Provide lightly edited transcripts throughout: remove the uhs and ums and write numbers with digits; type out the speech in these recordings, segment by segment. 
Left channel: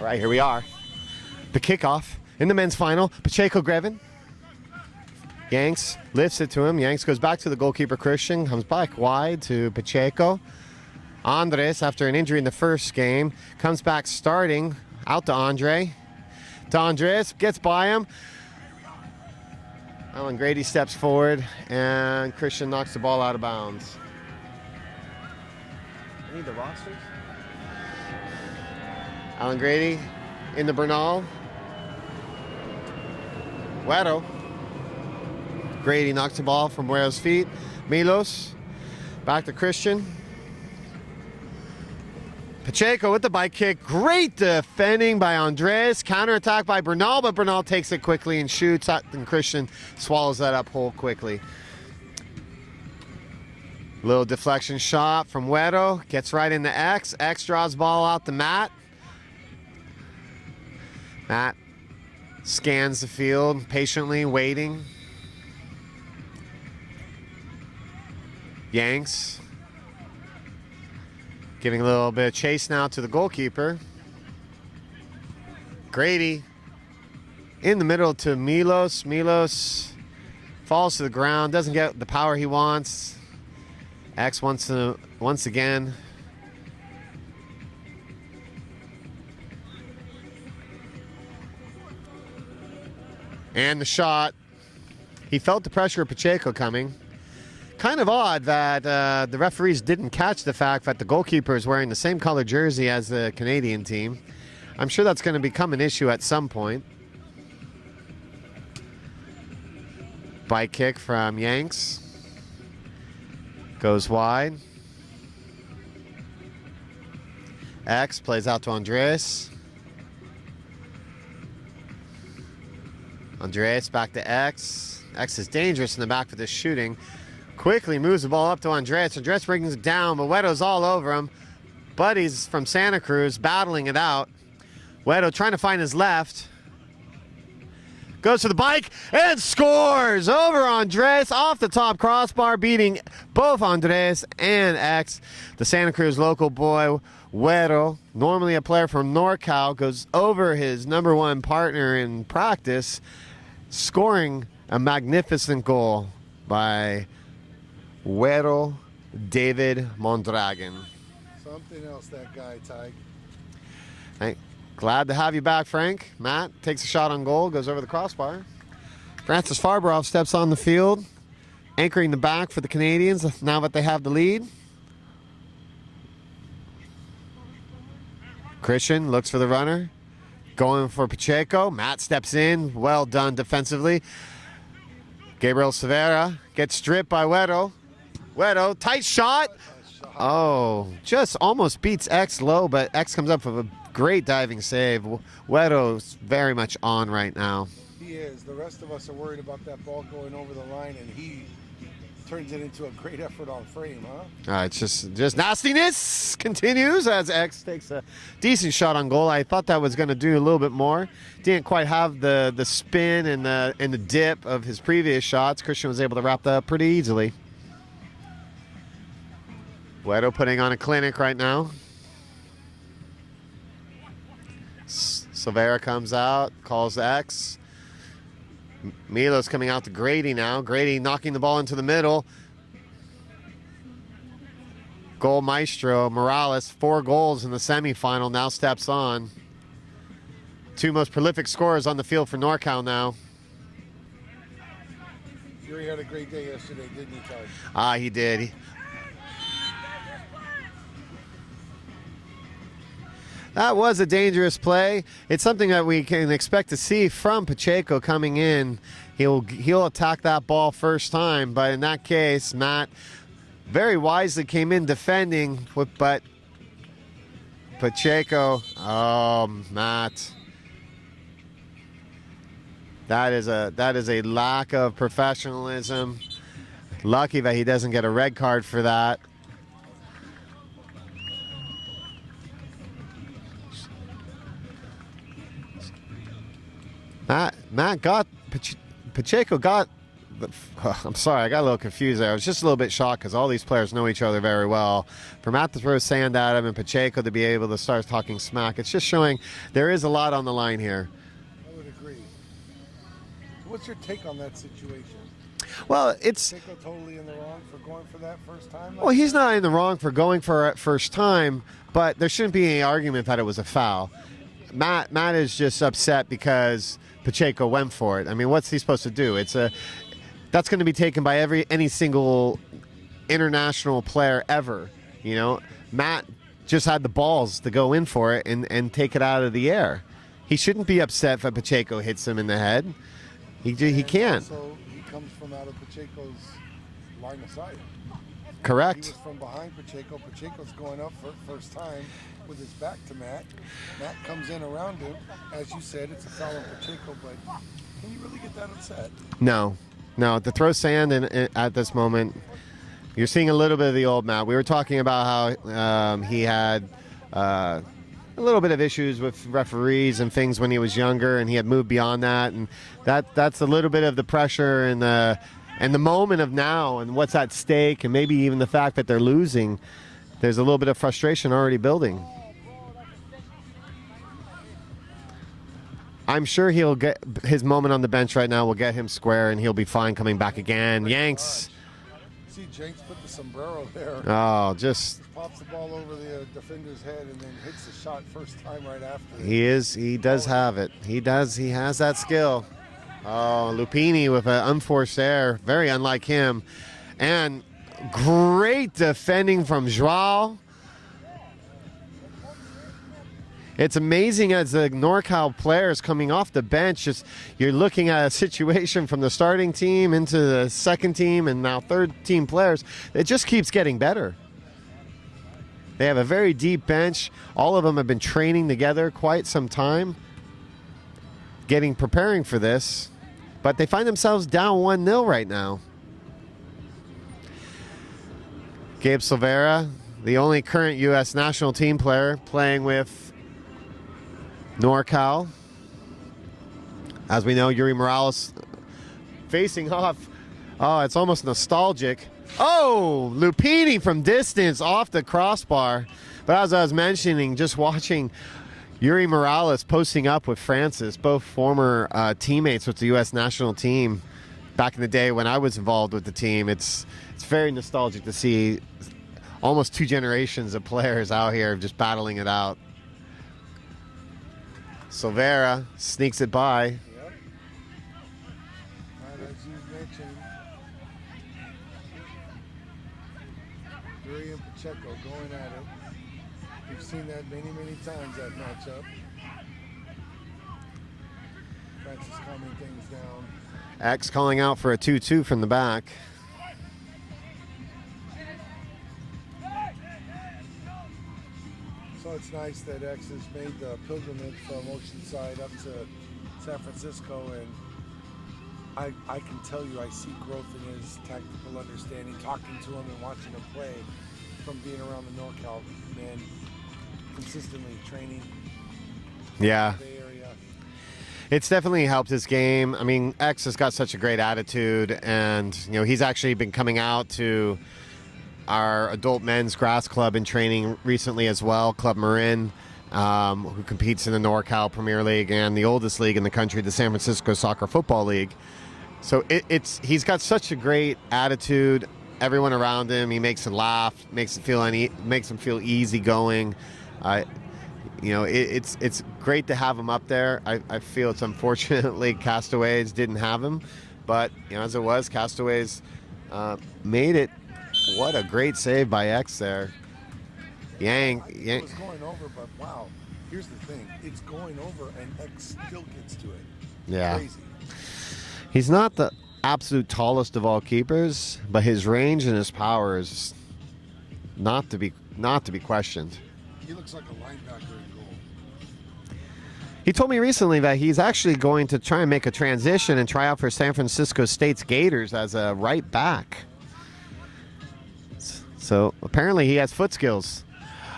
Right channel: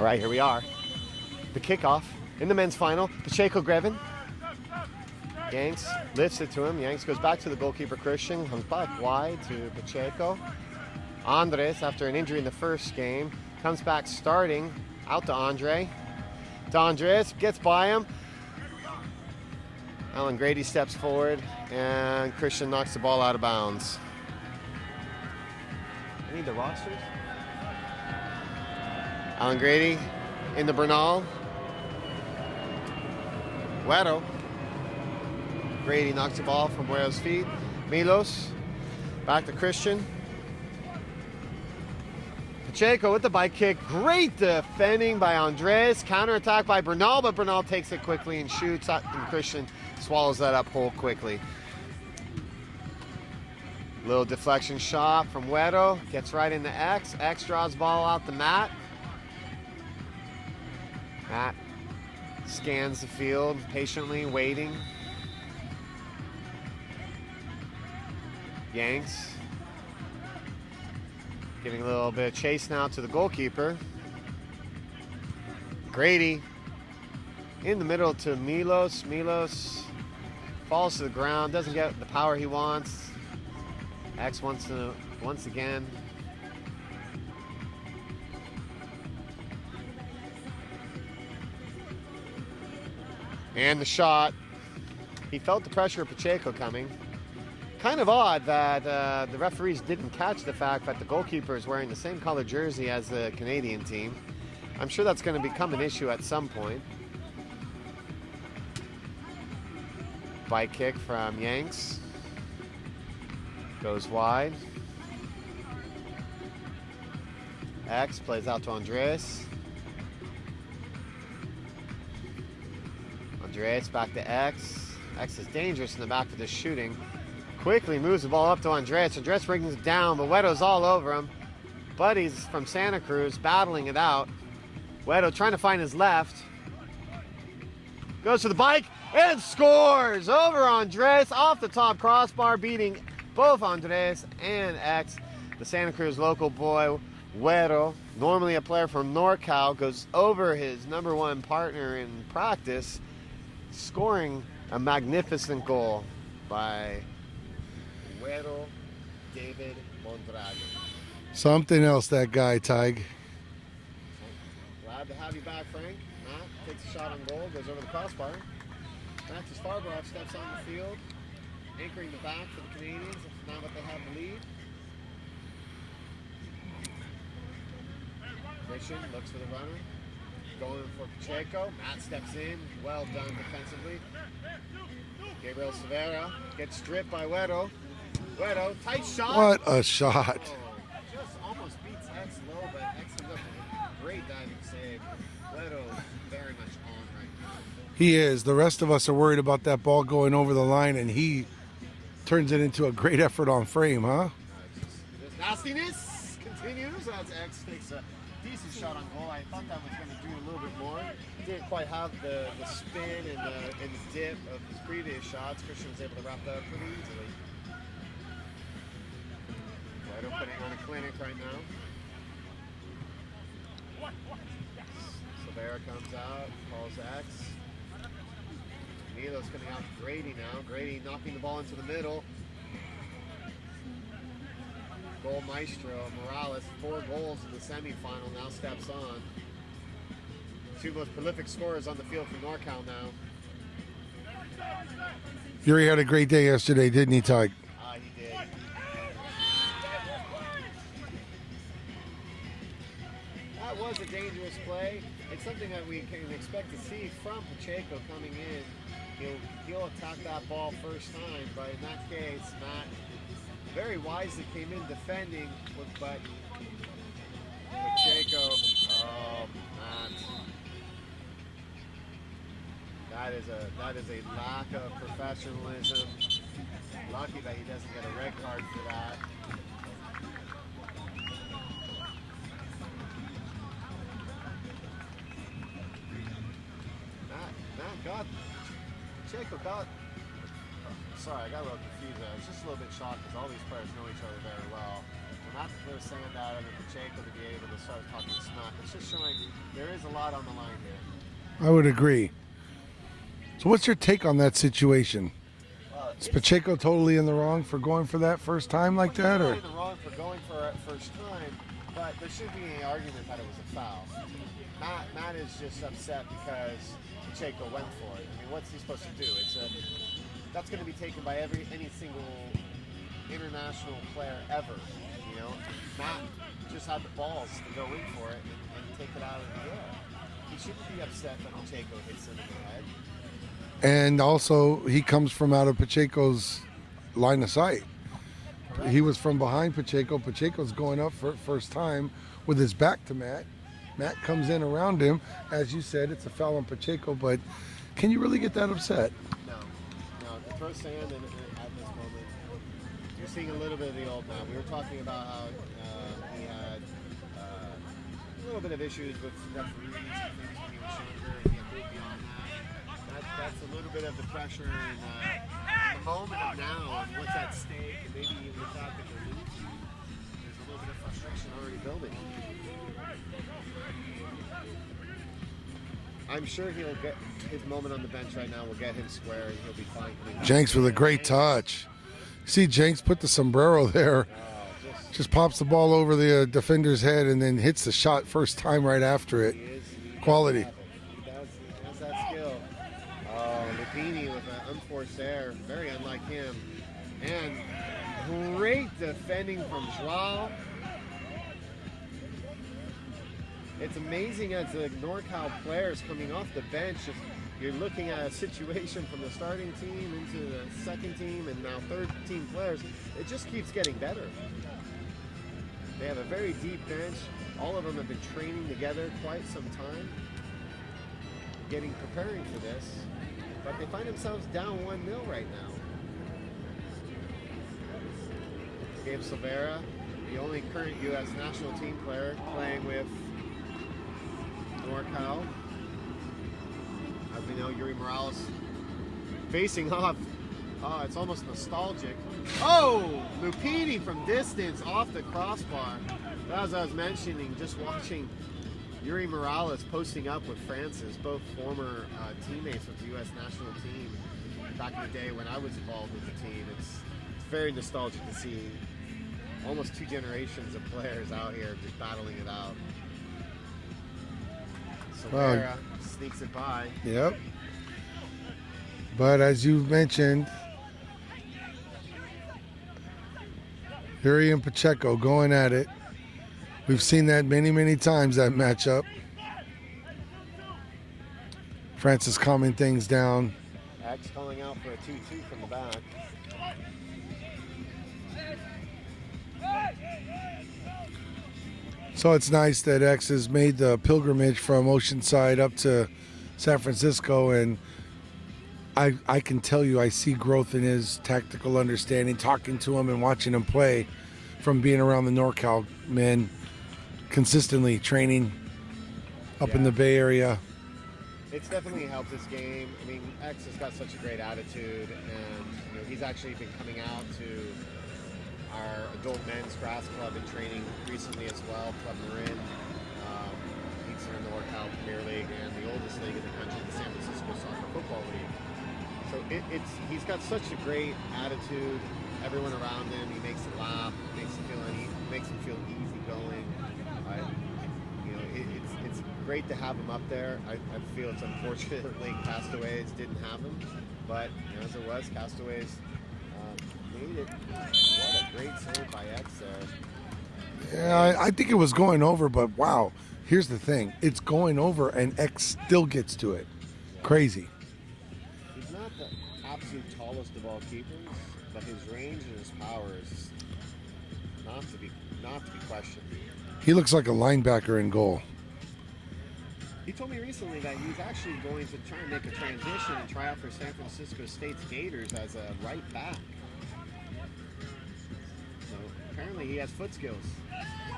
All right, here we are. The kickoff in the men's final. Pacheco Greven. Yanks lifts it to him. Yanks goes back to the goalkeeper Christian. Comes back wide to Pacheco. Andres, after an injury in the first game, comes back starting. Out to Andre. To Andres. Gets by him. Alan Grady steps forward. And Christian knocks the ball out of bounds. I need the rosters. Alan Grady in the Bernal. Guero. Grady knocks the ball from Guero's feet. Milos. Back to Christian. Pacheco with the bike kick. Great defending by Andres. Counterattack by Bernal, but Bernal takes it quickly and shoots. And Christian swallows that up whole quickly. Little deflection shot from Guero. Gets right into X. X draws ball out to Matt. Matt scans the field, patiently waiting. Yanks giving a little bit of chase now to the goalkeeper. Grady in the middle to Milos. Milos falls to the ground, doesn't get the power he wants. X wants to once again. And the shot. He felt the pressure of Pacheco coming. Kind of odd that the referees didn't catch the fact that the goalkeeper is wearing the same color jersey as the Canadian team. I'm sure that's going to become an issue at some point. Bike kick from Yanks. Goes wide. X plays out to Andres. Andres back to X. X is dangerous in the back for this shooting. Quickly moves the ball up to Andres. Andres brings it down, but Guero's all over him. Buddies from Santa Cruz battling it out. Guero trying to find his left. Goes to the bike and scores over Andres off the top crossbar, beating both Andres and X. The Santa Cruz local boy, Guero, normally a player from NORCAL, goes over his #1 partner in practice, scoring a magnificent goal by Guero David Mondragon. Something else, that guy, Tig. Hey, glad to have you back, Frank. Matt takes a shot on goal, goes over the crossbar. Francis Farbarov steps on the field, anchoring the back for the Canadians now that they have the lead. Christian looks for the runner, going for Pacheco. Matt steps in, well done defensively. Gabriel Severa gets stripped by Guero. Guero, tight shot. What a shot. Oh, just almost beats X low, but X comes up with a great diving save. Guero's very much on right now. He is. The rest of us are worried about that ball going over the line, and he turns it into a great effort on frame, huh? It's just nastiness continues as X takes a decent shot on goal. I thought that was going to do a little bit more. Didn't quite have the spin and the dip of his previous shots. Christian was able to wrap that up pretty easily. Guero putting on a clinic right now. Silvera comes out, calls X. Milos coming out to Grady now. Grady knocking the ball into the middle. Goal maestro Morales, 4 goals in the semifinal, now steps on. 2 most prolific scorers on the field for NORCAL now. Yuri had a great day yesterday, didn't he, Tig? He did. That was a dangerous play. It's something that we can expect to see from Pacheco coming in. He'll attack that ball first time, but in that case, Matt very wisely came in defending, but Pacheco, oh, Matt. That is a lack of professionalism. Lucky that he doesn't get a red card for that. Pacheco got I'm sorry, I got a little confused there. I was just a little bit shocked because all these players know each other very well. For Matt to throw sand at him and Pacheco to be able to start talking smack, it's just showing there is a lot on the line here. I would agree. So what's your take on that situation? Well, Is Pacheco totally in the wrong for going for that first time like that? Well, he's not or- in the wrong for going for it first time, but there shouldn't be any argument that it was a foul. Matt is just upset because Pacheco went for it. I mean, what's he supposed to do? That's going to be taken by any single international player ever. You know, Matt just had the balls to go in for it and take it out of the air. He shouldn't be upset if Pacheco hits him in the head. He And can't. also, he comes from out of Pacheco's line of sight. Correct. He was from behind Pacheco. Pacheco's going up for it first time with his back to Matt. Matt comes in around him. As you said, it's a foul on Pacheco, but can you really get that upset? No. To throw sand at this moment, you're seeing a little bit of the old Matt. We were talking about how he had a little bit of issues with referees and things when he was younger, and he had moved beyond that. And that's a little bit of the pressure and the moment of now and what's at stake, and maybe even the fact that they're losing. There's a little bit of frustration already building. I'm sure he'll get his moment on the bench right now. Will get him square, and he'll be fine coming back Jenks again. with a great Yanks. touch. See Jenks put the sombrero there. Oh, just Pops the ball over the defender's head and then hits the shot first time right after it. he does Quality. have it. He has that skill. Oh, Lupini with an unforced error, very unlike him, and great defending from Joao. It's amazing as the NorCal players coming off the bench, you're looking at a situation from the starting team into the second team and now third team players. It just keeps getting better. They have a very deep bench. All of them have been training together quite some time, preparing for this, but they find themselves down 1-0 right now. Gabe Silvera, the only current U.S. national team player playing with NorCal. As we know, Yuri Morales facing off. Oh, it's almost nostalgic. Oh, Lupini from distance off the crossbar. But as I was mentioning, just watching Yuri Morales posting up with Francis, both former teammates with the U.S. national team back in the day when I was involved with the team. It's very nostalgic to see almost two generations of players out here just battling it out. Silvera sneaks it by. Yep. But as you mentioned, Yuri and Pacheco going at it. We've seen that many, many times, that matchup. Francis calming things down. X calling out for a 2-2 from the back. So it's nice that X has made the pilgrimage from Oceanside up to San Francisco, and I can tell you I see growth in his tactical understanding, talking to him and watching him play from being around the NorCal men, consistently training up in the Bay Area. It's definitely helped his game. I mean, X has got such a great attitude, and he's actually been coming out to our adult men's grass club in training recently as well, Club Marin, who competes in the NorCal Premier League and the oldest league in the country, the San Francisco Soccer Football League. So he's got such a great attitude. Everyone around him, he makes them laugh, makes them feel easygoing. It's great to have him up there. I feel it's unfortunately Castaways didn't have him, but as it was, Castaways made it. What a great save by X there. Yeah, I think it was going over, but wow. Here's the thing. It's going over, and X still gets to it. Yeah. Crazy. He's not the absolute tallest of all keepers, but his range and his power is not to be questioned. He looks like a linebacker in goal. He told me recently that he's actually going to try and make a transition and try out for San Francisco State's Gators as a right back. So apparently he has foot skills.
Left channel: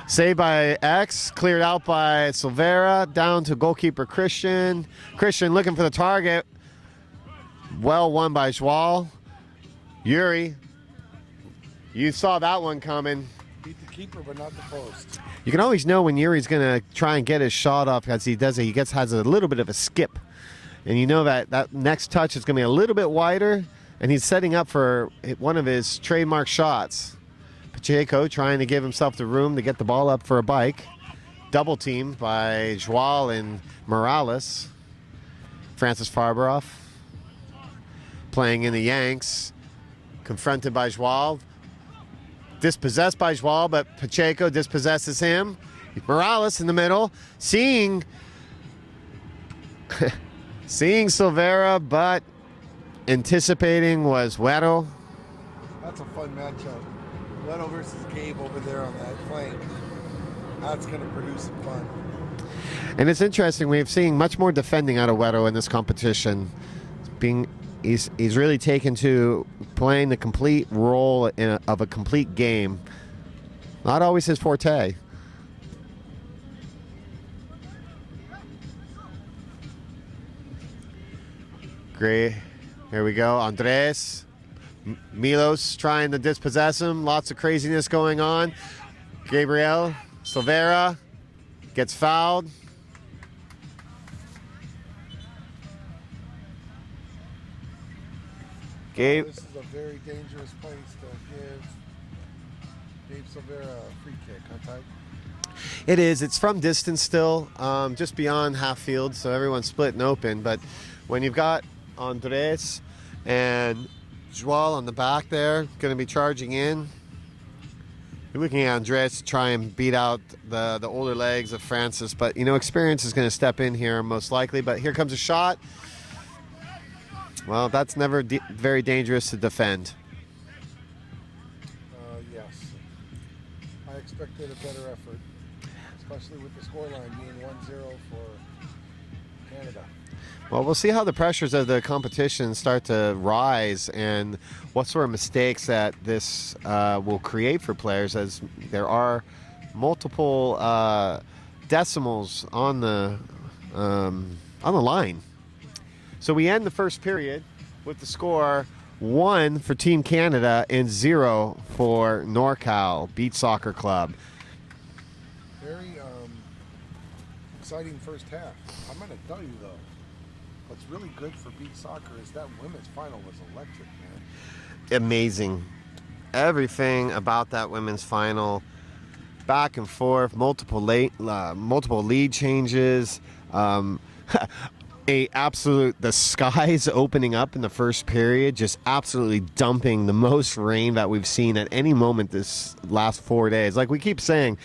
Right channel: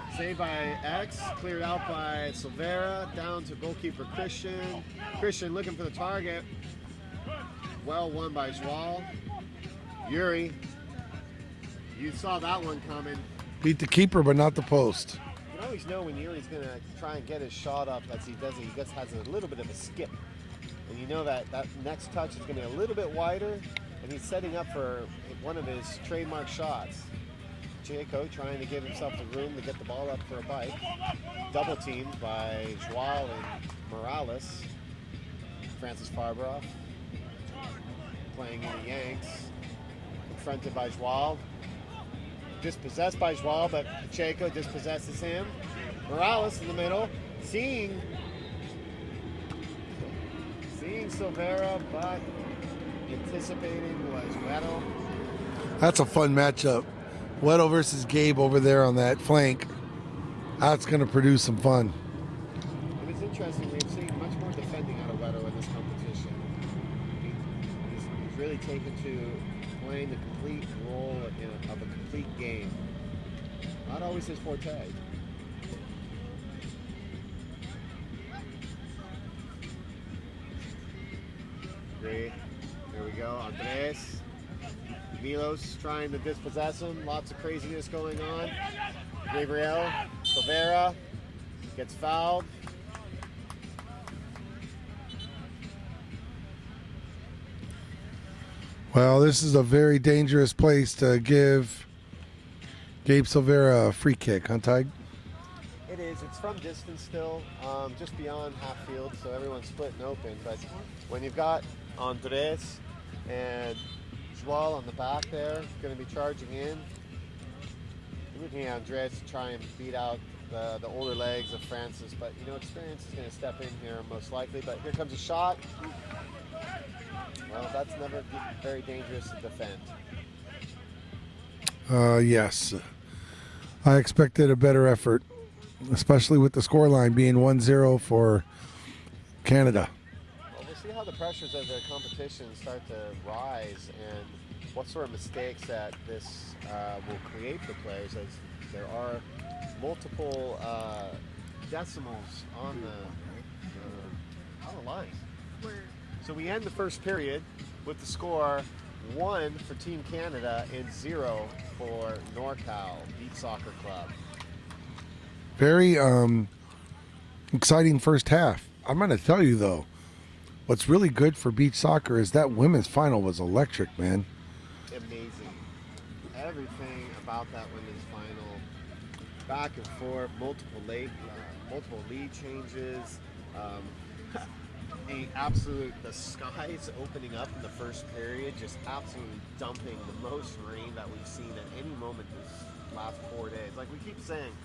Saved by X, cleared out by Silvera, down to goalkeeper Christian. Christian looking for the target. well won by Joao. Yuri, you saw that one coming. Beat the keeper, but not the post. You can always know when Yuri's going to try and get his shot off as he does it. He has a little bit of a skip. And you know that next touch is going to be a little bit wider, and he's setting up for one of his trademark shots. Pacheco trying to give himself the room to get the ball up for a bike. Double teamed by Joao and Morales. Francis Farberoff playing in the Yanks. Confronted by Joao. Dispossessed by Joao, but Pacheco dispossesses him. Morales in the middle. Seeing Silvera, but anticipating was Weddle. That's a fun matchup. Weddle versus Gabe over there on that flank. That's going to produce some fun. And it's interesting, we've seen much more defending out of Weddle in this competition. He's really taken to playing the complete role of a complete game. Not always his forte. Great. Here we go. Andres. Milos trying to dispossess him. Lots of craziness going on. Gabriel Silvera gets fouled. Well, this is a very dangerous place to give Gabe Silvera a free kick, huh, Tig? It is. It's from distance still, just beyond half field, so everyone's split and open. But when you've got Andres and Joao on the back there, going to be charging in. You're looking at Andres to try and beat out the older legs of Francis, but you know, experience is going to step in here most likely. But here comes a shot. Well, that's never very dangerous to defend. Yes. I expected a better effort, especially with the scoreline being 1-0 for Canada. Well, we'll see how the pressures of the competition start to rise and what sort of mistakes that this will create for players, as there are multiple decimals on the line. So we end the first period with the score 1 for Team Canada and 0 for NORCAL Beach Soccer Club. Very exciting first half. I'm going to tell you, though, what's really good for beach soccer is that women's final was electric, man. Amazing. Everything about that women's final, back and forth, multiple lead changes, the skies opening up in the first period, just absolutely dumping the most rain that we've seen at any moment this last 4 days. Like we keep saying,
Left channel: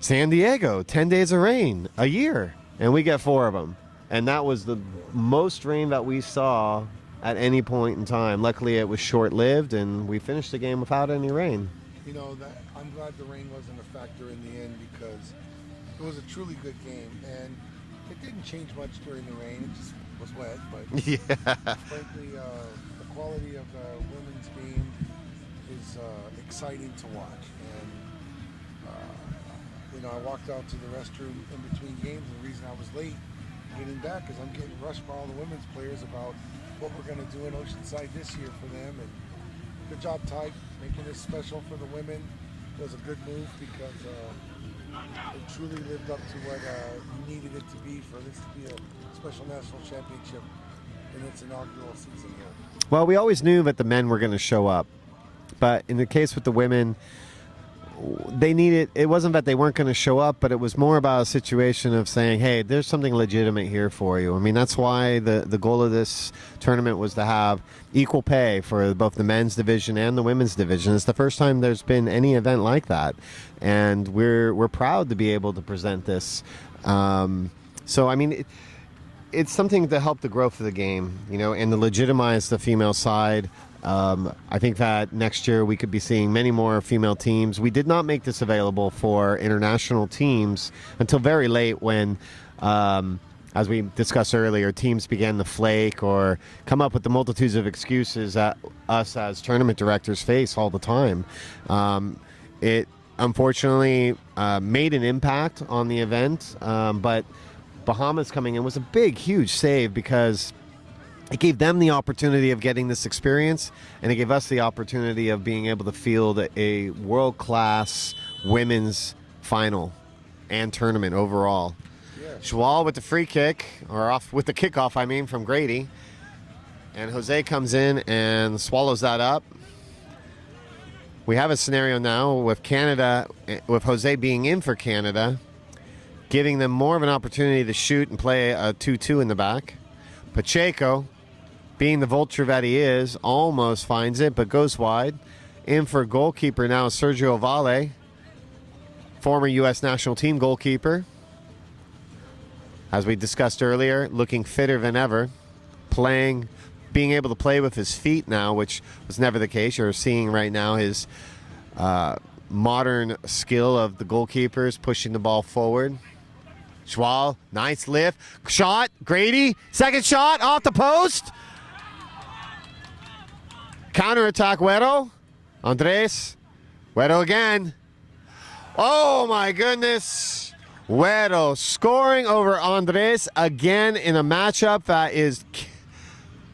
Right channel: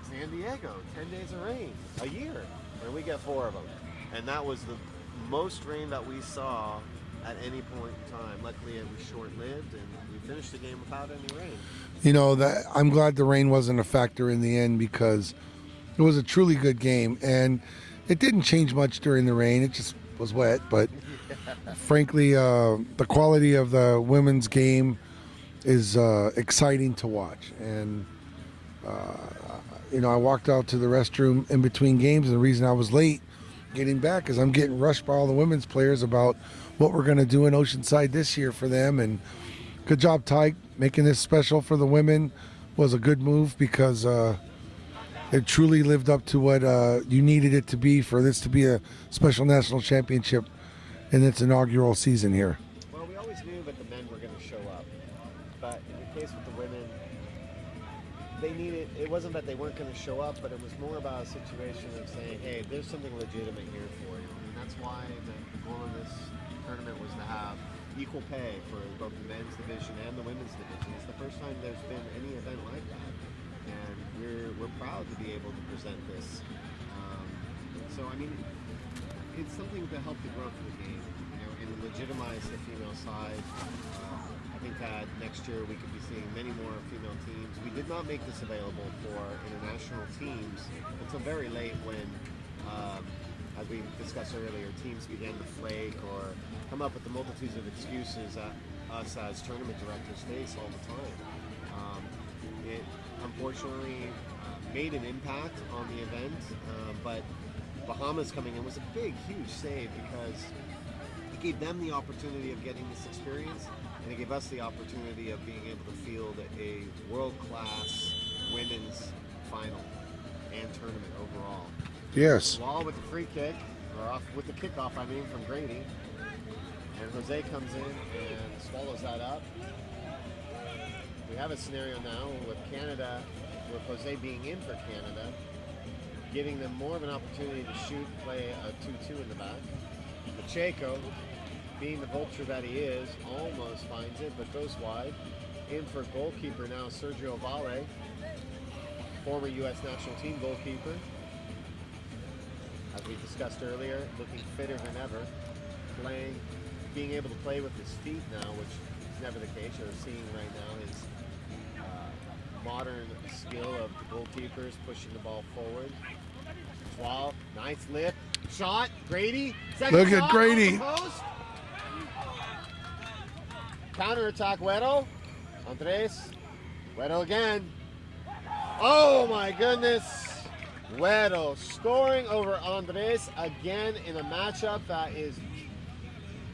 San Diego, 10 days of rain a year, and we get 4 of them. And that was the most rain that we saw at any point in time. Luckily, it was short-lived, and we finished the game without any rain. You know, I'm glad the rain wasn't a factor in the end, because it was a truly good game, and it didn't change much during the rain. It just was wet, but yeah. Frankly, the quality of the women's game is exciting to watch. And you know, I walked out to the restroom in between games, and the reason I was late getting back is I'm getting rushed by all the women's players about what we're going to do in Oceanside this year for them. And good job, Ty, making this special for the women. Was a good move, because it truly lived up to what you needed it to be for this to be a special national championship in its inaugural season here. Well, we always knew that the men were going to show up, but in the case with the women, they needed. It wasn't that they weren't going to show up, but it was more about a situation of saying, hey, there's something legitimate here for you. I mean, that's why the goal of this tournament was to have equal pay for both the men's division and the women's division. It's the first time there's been any event like that, and we're proud to be able to present this. So I mean, it's something to help the growth of the game, you know, and to legitimize the female side. I think that next year we could be seeing many more female teams. We did not make this available for international teams until very late, when as we discussed earlier, teams began to flake or come up with the multitudes of excuses that us as tournament directors face all the time. It unfortunately made an impact on the event, but Bahamas coming in was a big, huge save, because it gave them the opportunity of getting this experience, and it gave us the opportunity of being able to field a world-class women's final and tournament overall. Yes. Schwal with the free kick, or off with the kickoff, I mean, from Grady. And Jose comes in and swallows that up. We have a scenario now with Canada, with Jose being in for Canada, giving them more of an opportunity to shoot and play a 2-2 in the back. Pacheco, being the vulture that he is, almost finds it, but goes wide. In for goalkeeper now, Sergio Valle, former U.S. national team goalkeeper. As we discussed earlier, looking fitter than ever, being able to play with his feet now, which was never the case. You're seeing right now his modern skill of the goalkeepers pushing the ball forward. Schwal, nice lift, shot, Grady, second shot off the post. Counterattack, Güero. Andres, Güero again. Oh my goodness. Güero scoring over Andres again in a matchup that is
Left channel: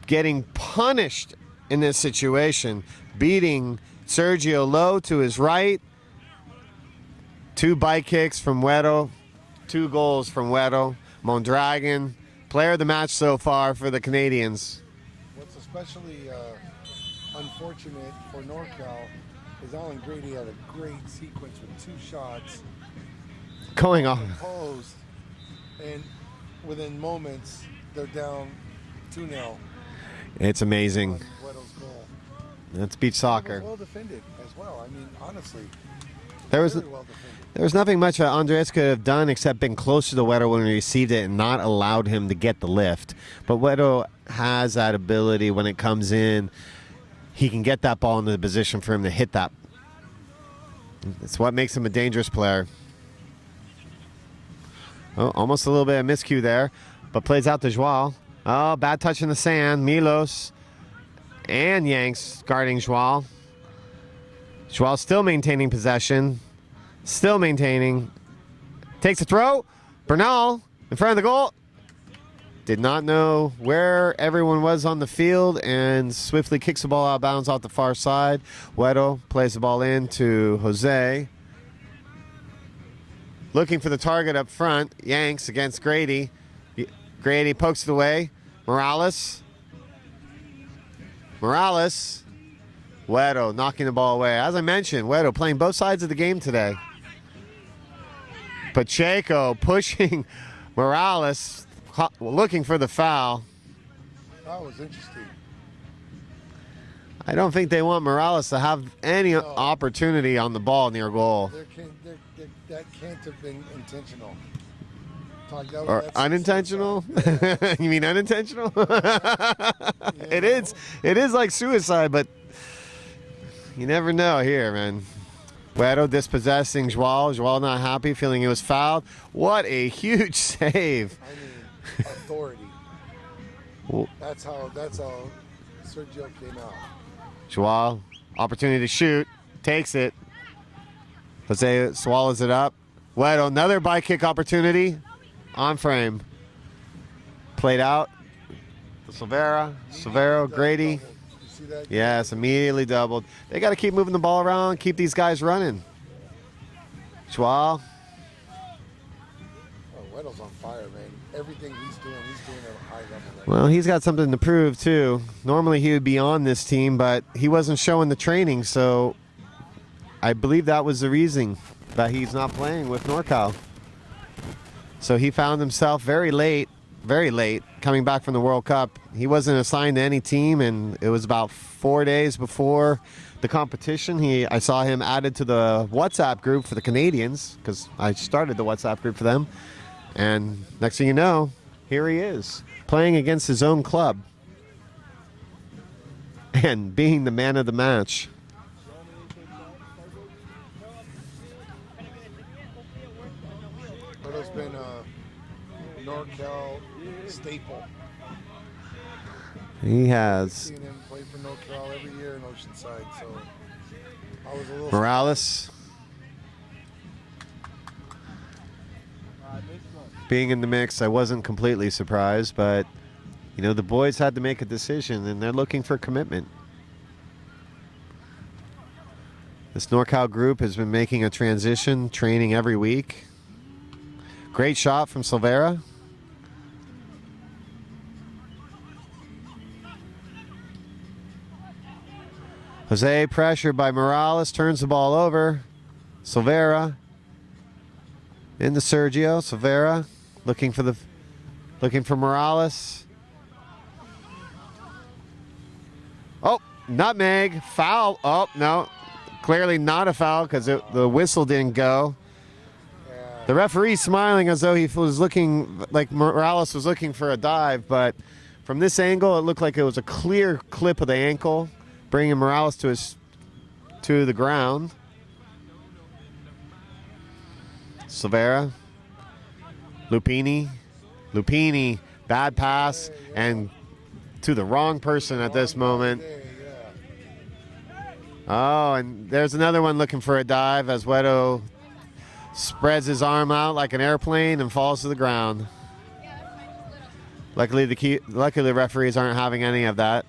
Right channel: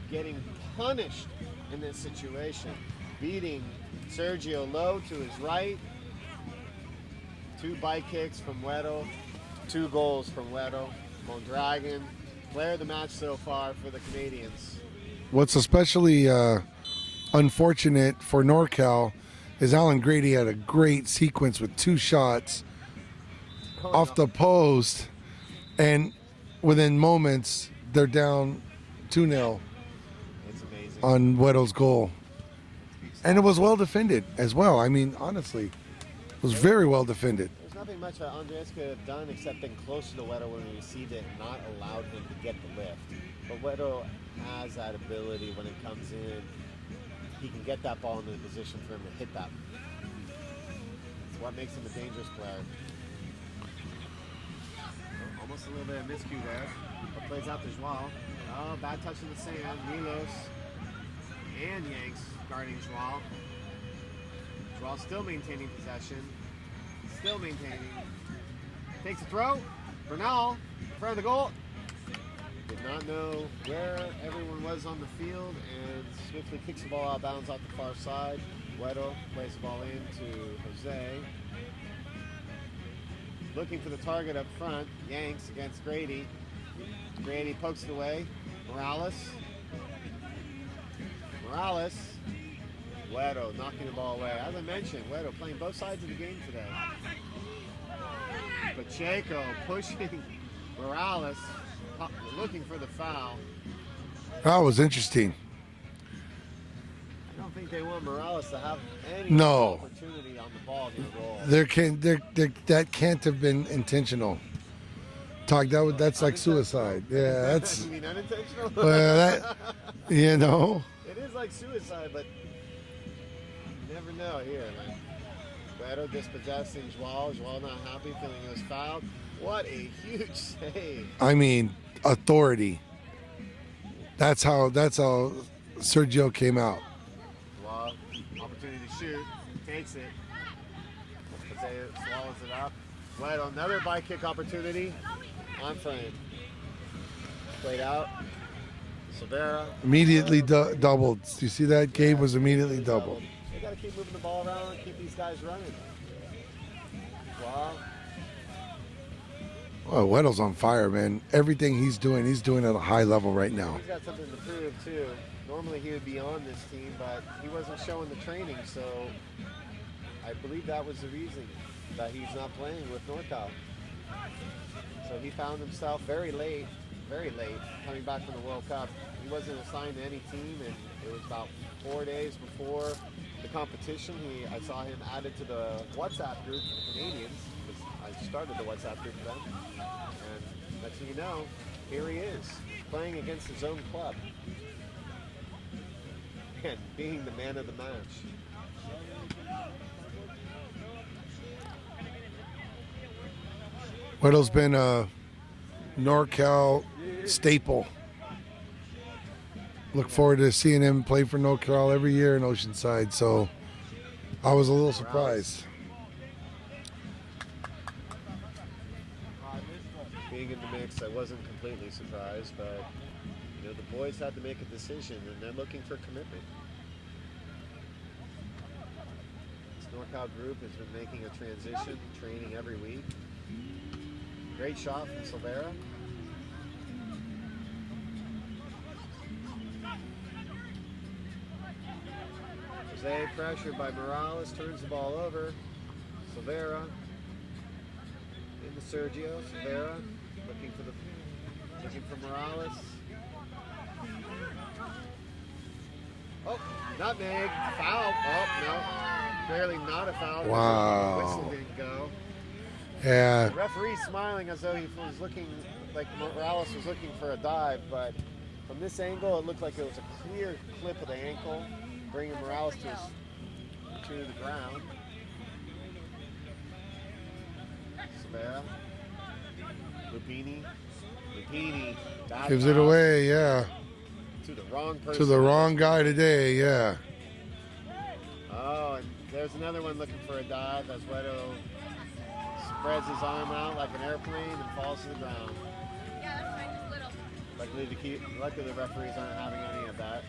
getting punished in this situation. Beating Sergio low to his right. 2 bike kicks from Güero. 2 goals from Güero. Mondragon, player of the match so far for the Canadians. What's especially unfortunate for NORCAL is Alan Grady had a great sequence with 2 shots Going off the post, and within moments they're down 2-0 It's amazing. on Güero's goal. That's beach soccer. And it was well defended as well. I mean, honestly, it was very well defended. There was nothing much that Andres could have done except been close to the Güero when he received it and not allowed him to get the lift. But Güero has that ability when it comes in. He can get that ball into the position for him to hit that. It's what makes him a dangerous player. Oh, almost a little bit of miscue there, but plays out to Joao. Oh, bad touch in the sand. Milos and Yanks guarding Joao. Joao still maintaining possession. Still maintaining. Takes a throw. Bernal in front of the goal. Did not know where everyone was on the field and swiftly kicks the ball out of bounds off the far side. Güero plays the ball in to Jose. Looking for the target up front. Yanks against Grady. Grady pokes it away. Morales. Güero knocking the ball away. As I mentioned, Güero playing both sides of the game today. Pacheco pushing Morales, looking for the foul. That was interesting. I don't think they want Morales to have any opportunity on the ball near goal. That can't have been intentional. That's unintentional? Like suicide. Yeah, you mean unintentional? It is like suicide, but you never know here, man. Güero dispossessing Joao. Joao not happy, feeling he was fouled. What a huge save. I mean, authority. That's how Sergio came out. Joao, opportunity to shoot, takes it. Jose swallows it up. Güero, another bike kick opportunity. On frame. Played out. Silvera. Immediately Grady. doubled. You see that? Yeah, Game was immediately doubled. They got to keep moving the ball around, keep these guys running. Joao. Oh, Güero's on fire, man. Everything he's doing at a high level right now. Well, he's got something to prove, too. Normally he would be on this team, but he wasn't showing the training, so I believe that was the reason that he's not playing with NORCAL. So he found himself very late, coming back from the World Cup. He wasn't assigned to any team, and it was about 4 days before the competition. I saw him added to the WhatsApp group for the Canadians, because I started the WhatsApp group for them. And next thing you know, here he is, playing against his own club and being the man of the match. Güero's been a NORCAL staple. Look forward to seeing him play for NORCAL every year in Oceanside. So I was a little Morales being in the mix, I wasn't completely surprised, but You know, the boys had to make a decision, and they're looking for commitment. This NORCAL group has been making a transition, training every week. Great shot from Silvera. Jose pressured by Morales, turns the ball over. Silvera into Sergio. Silvera looking for Morales. Oh, nutmeg, foul. Oh, no. Clearly not a foul because the whistle didn't go. Yeah. The referee smiling as though he was looking like Morales was looking for a dive, but from this angle, it looked like it was a clear clip of the ankle, bringing Morales to the ground. Silvera, Lupini, bad Gives pass, it away, yeah. and to the wrong person to the at wrong this guy moment. today, yeah. Oh, and there's another one looking for a dive as Wedo spreads his arm out like an airplane and falls to the ground. Luckily, the referees aren't having any of that.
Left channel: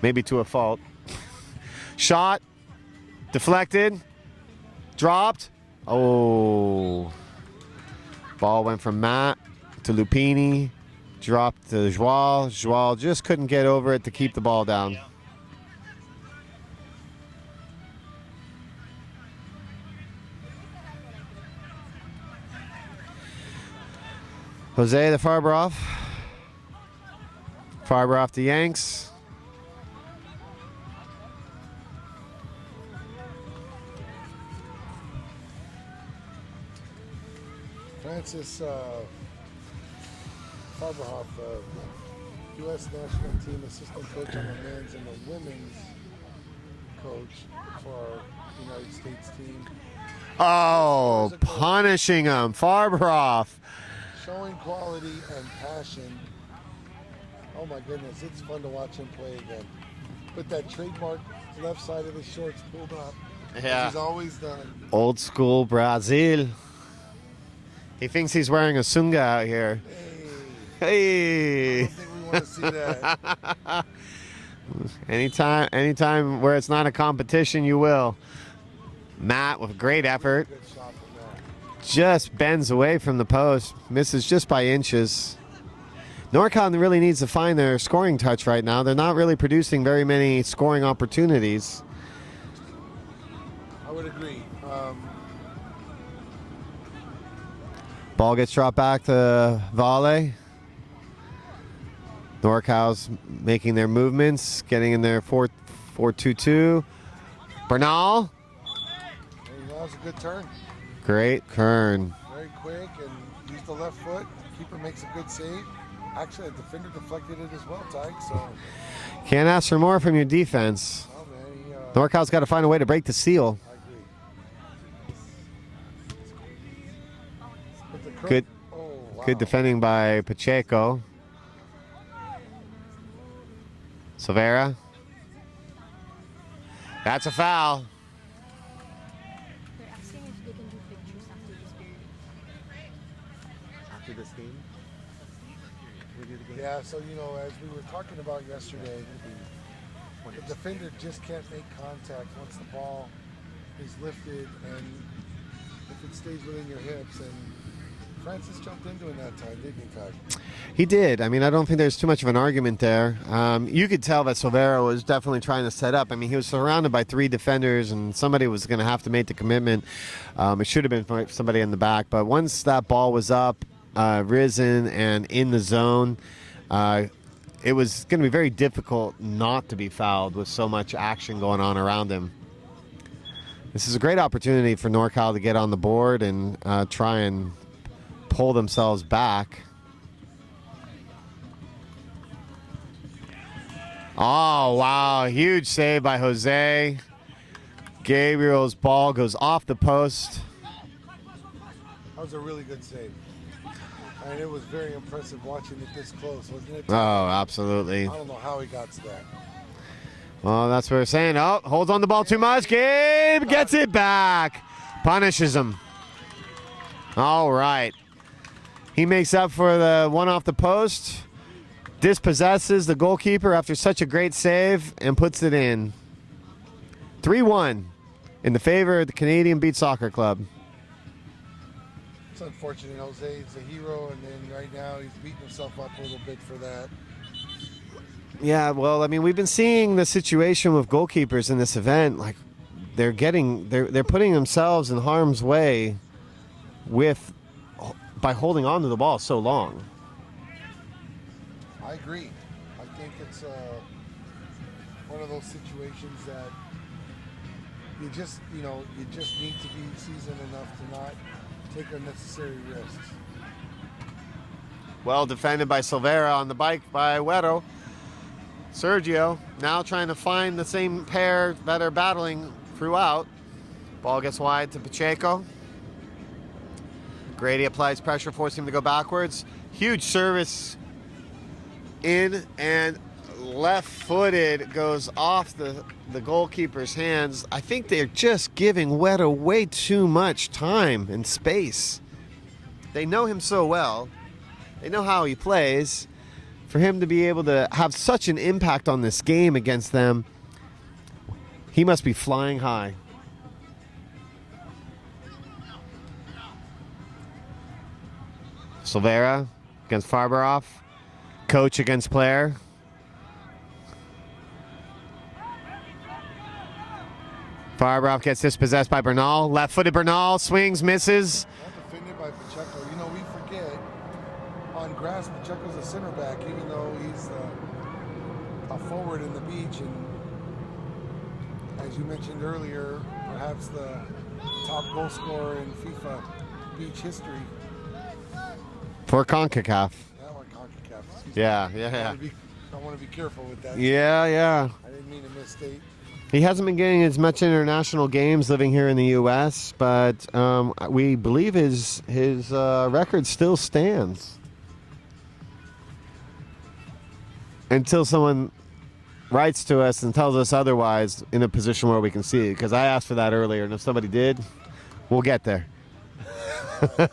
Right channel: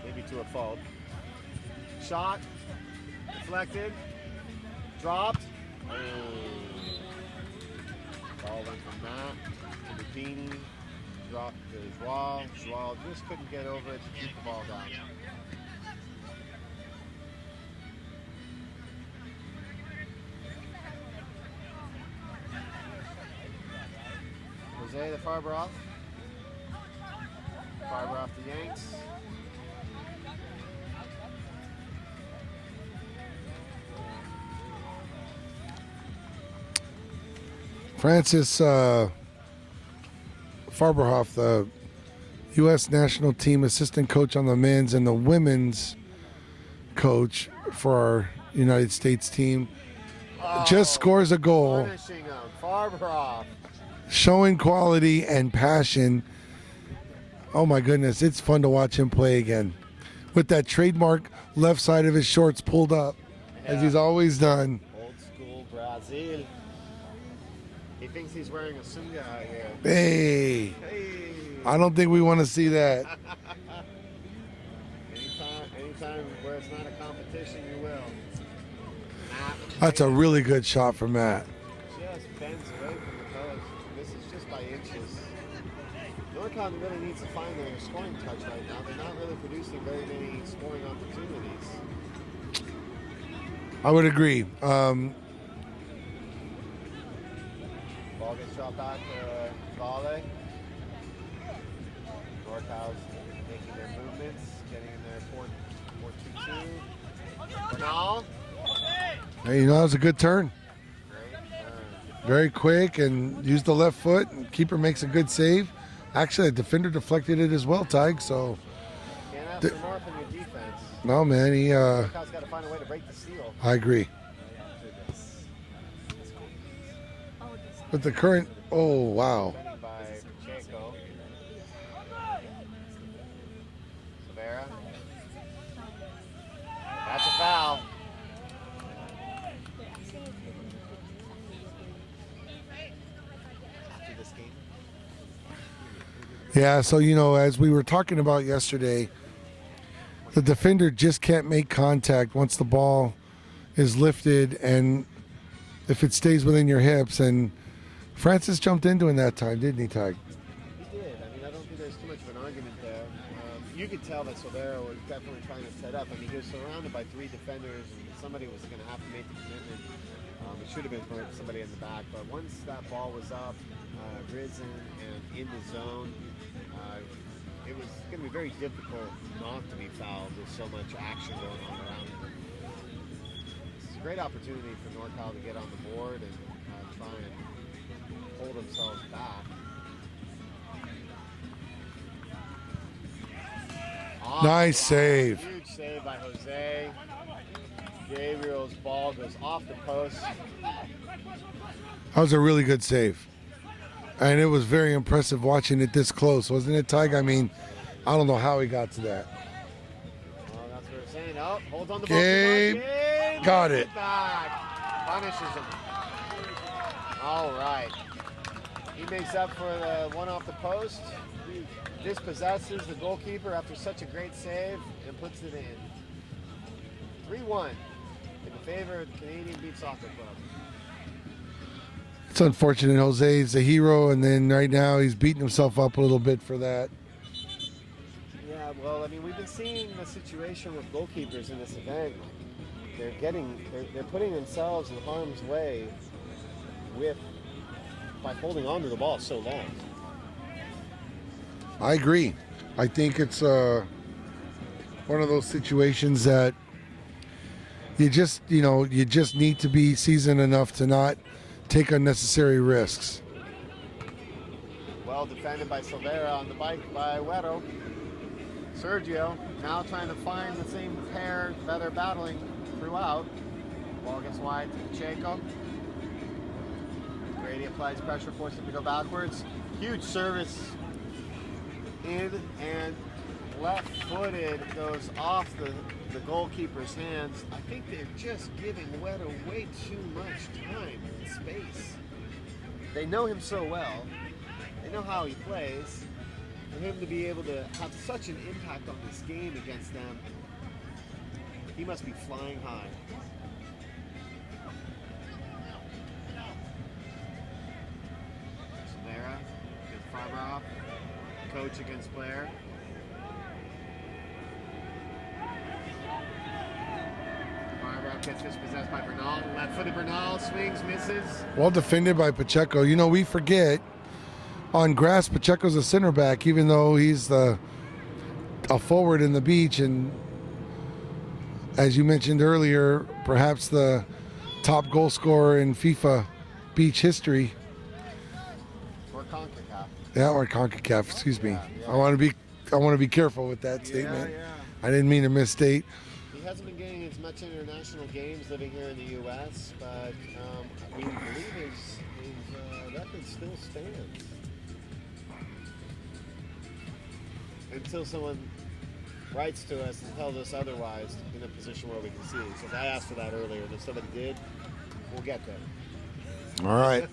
Maybe to a fault. Shot, deflected, dropped. Oh. Ball went from Matt to Lupini, dropped to Joao. Joao just couldn't get over it to keep the ball down. Jose the Farberoff. Farberoff to Yanks. Francis Farberhoff, the U.S. national team assistant coach on the men's and the women's coach for our United States team, just scores a goal. Punishing him. Farberoff. Showing quality and passion. Oh my goodness, it's fun to watch him play again. With that trademark left side of his shorts pulled up, as he's always done. Old school Brazil. He thinks he's wearing a sunga out here. Hey, I don't think we want to see that. Anytime where it's not a competition, you will. Matt with great effort. That's a really good shot from Matt. Just bends away from the post, misses just by inches. NORCAL really needs to find their scoring touch right now. They're not really producing very many scoring opportunities. I would agree. Ball gets dropped back to Vale. NORCAL's making their movements, getting in their 4-2-2. Bernal. Hey, that was a good turn. Great Kern. Very quick and used the left foot. Keeper makes a good save. Actually, the defender deflected it as well, Tig. So can't ask for more from your defense. No, man. NORCAL's got to find a way to break the seal. I agree. But the current, oh wow. Good defending by Pacheco. Silvera. That's a foul. Yeah, so, as we were talking about yesterday, the defender just can't make contact once the ball is lifted and if it stays within your hips. And Francis jumped into it that time, didn't he, Tig? He did. I mean, I don't think there's too much of an argument there. You could tell that Silvera was definitely trying to set up. I mean, he was surrounded by 3 defenders, and somebody was going to have to make the commitment. It should have been somebody in the back. But once that ball was up, risen, and in the zone, it was going to be very difficult not to be fouled with so much action going on around him. This is a great opportunity for NORCAL to get on the board and try and pull themselves back. Oh, nice wow. save. Huge save by Jose. Gabriel's ball goes off the post. That was a really good save. And it was very impressive watching it this close, wasn't it, Tig? Oh, I mean, absolutely. I don't know how he got to that. Well, that's what we're saying. Oh, holds on the ball too much. Gabe gets it back. Punishes him. All right. He makes up for the one off the post, dispossesses the goalkeeper after such a great save, and puts it in. 3-1 in the favor of the Canadian Beach Soccer Club. It's unfortunate. Jose's a hero, and then right now he's beating himself up a little bit for that. Yeah, well, I mean, we've been seeing the situation with goalkeepers in this event. Like, they're putting themselves in harm's way by holding on to the ball so long. I agree. I think it's one of those situations that you just need to be seasoned enough to not take unnecessary risks. Well defended by Silvera on the bike by Weddle. Sergio now trying to find the same pair that are battling throughout. Ball gets wide to Pacheco. Grady applies pressure, forcing him to go backwards. Huge service in, and left-footed goes off the goalkeeper's hands. I think they're just giving Weddle way too much time and space. They know him so well. They know how he plays. For him to be able to have such an impact on this game against them, he must be flying high. Silvera against Farberoff. Coach against player. Farberoff gets dispossessed by Bernal. Left-footed Bernal swings, misses. Well defended by Pacheco. You know, we forget on grass Pacheco's a center back, even though he's a forward in the beach, and as you mentioned earlier, perhaps the top goal scorer in FIFA beach history. For CONCACAF. Yeah, or CONCACAF, excuse me. Yeah. I want to be careful with that. Yeah, statement. yeah. I didn't mean to misstate. He hasn't been getting as much international games living here in the U.S., but we believe his record still stands. Until someone writes to us and tells us otherwise in a position where we can see it. Because I asked for that earlier, and if somebody did, we'll get there. All right.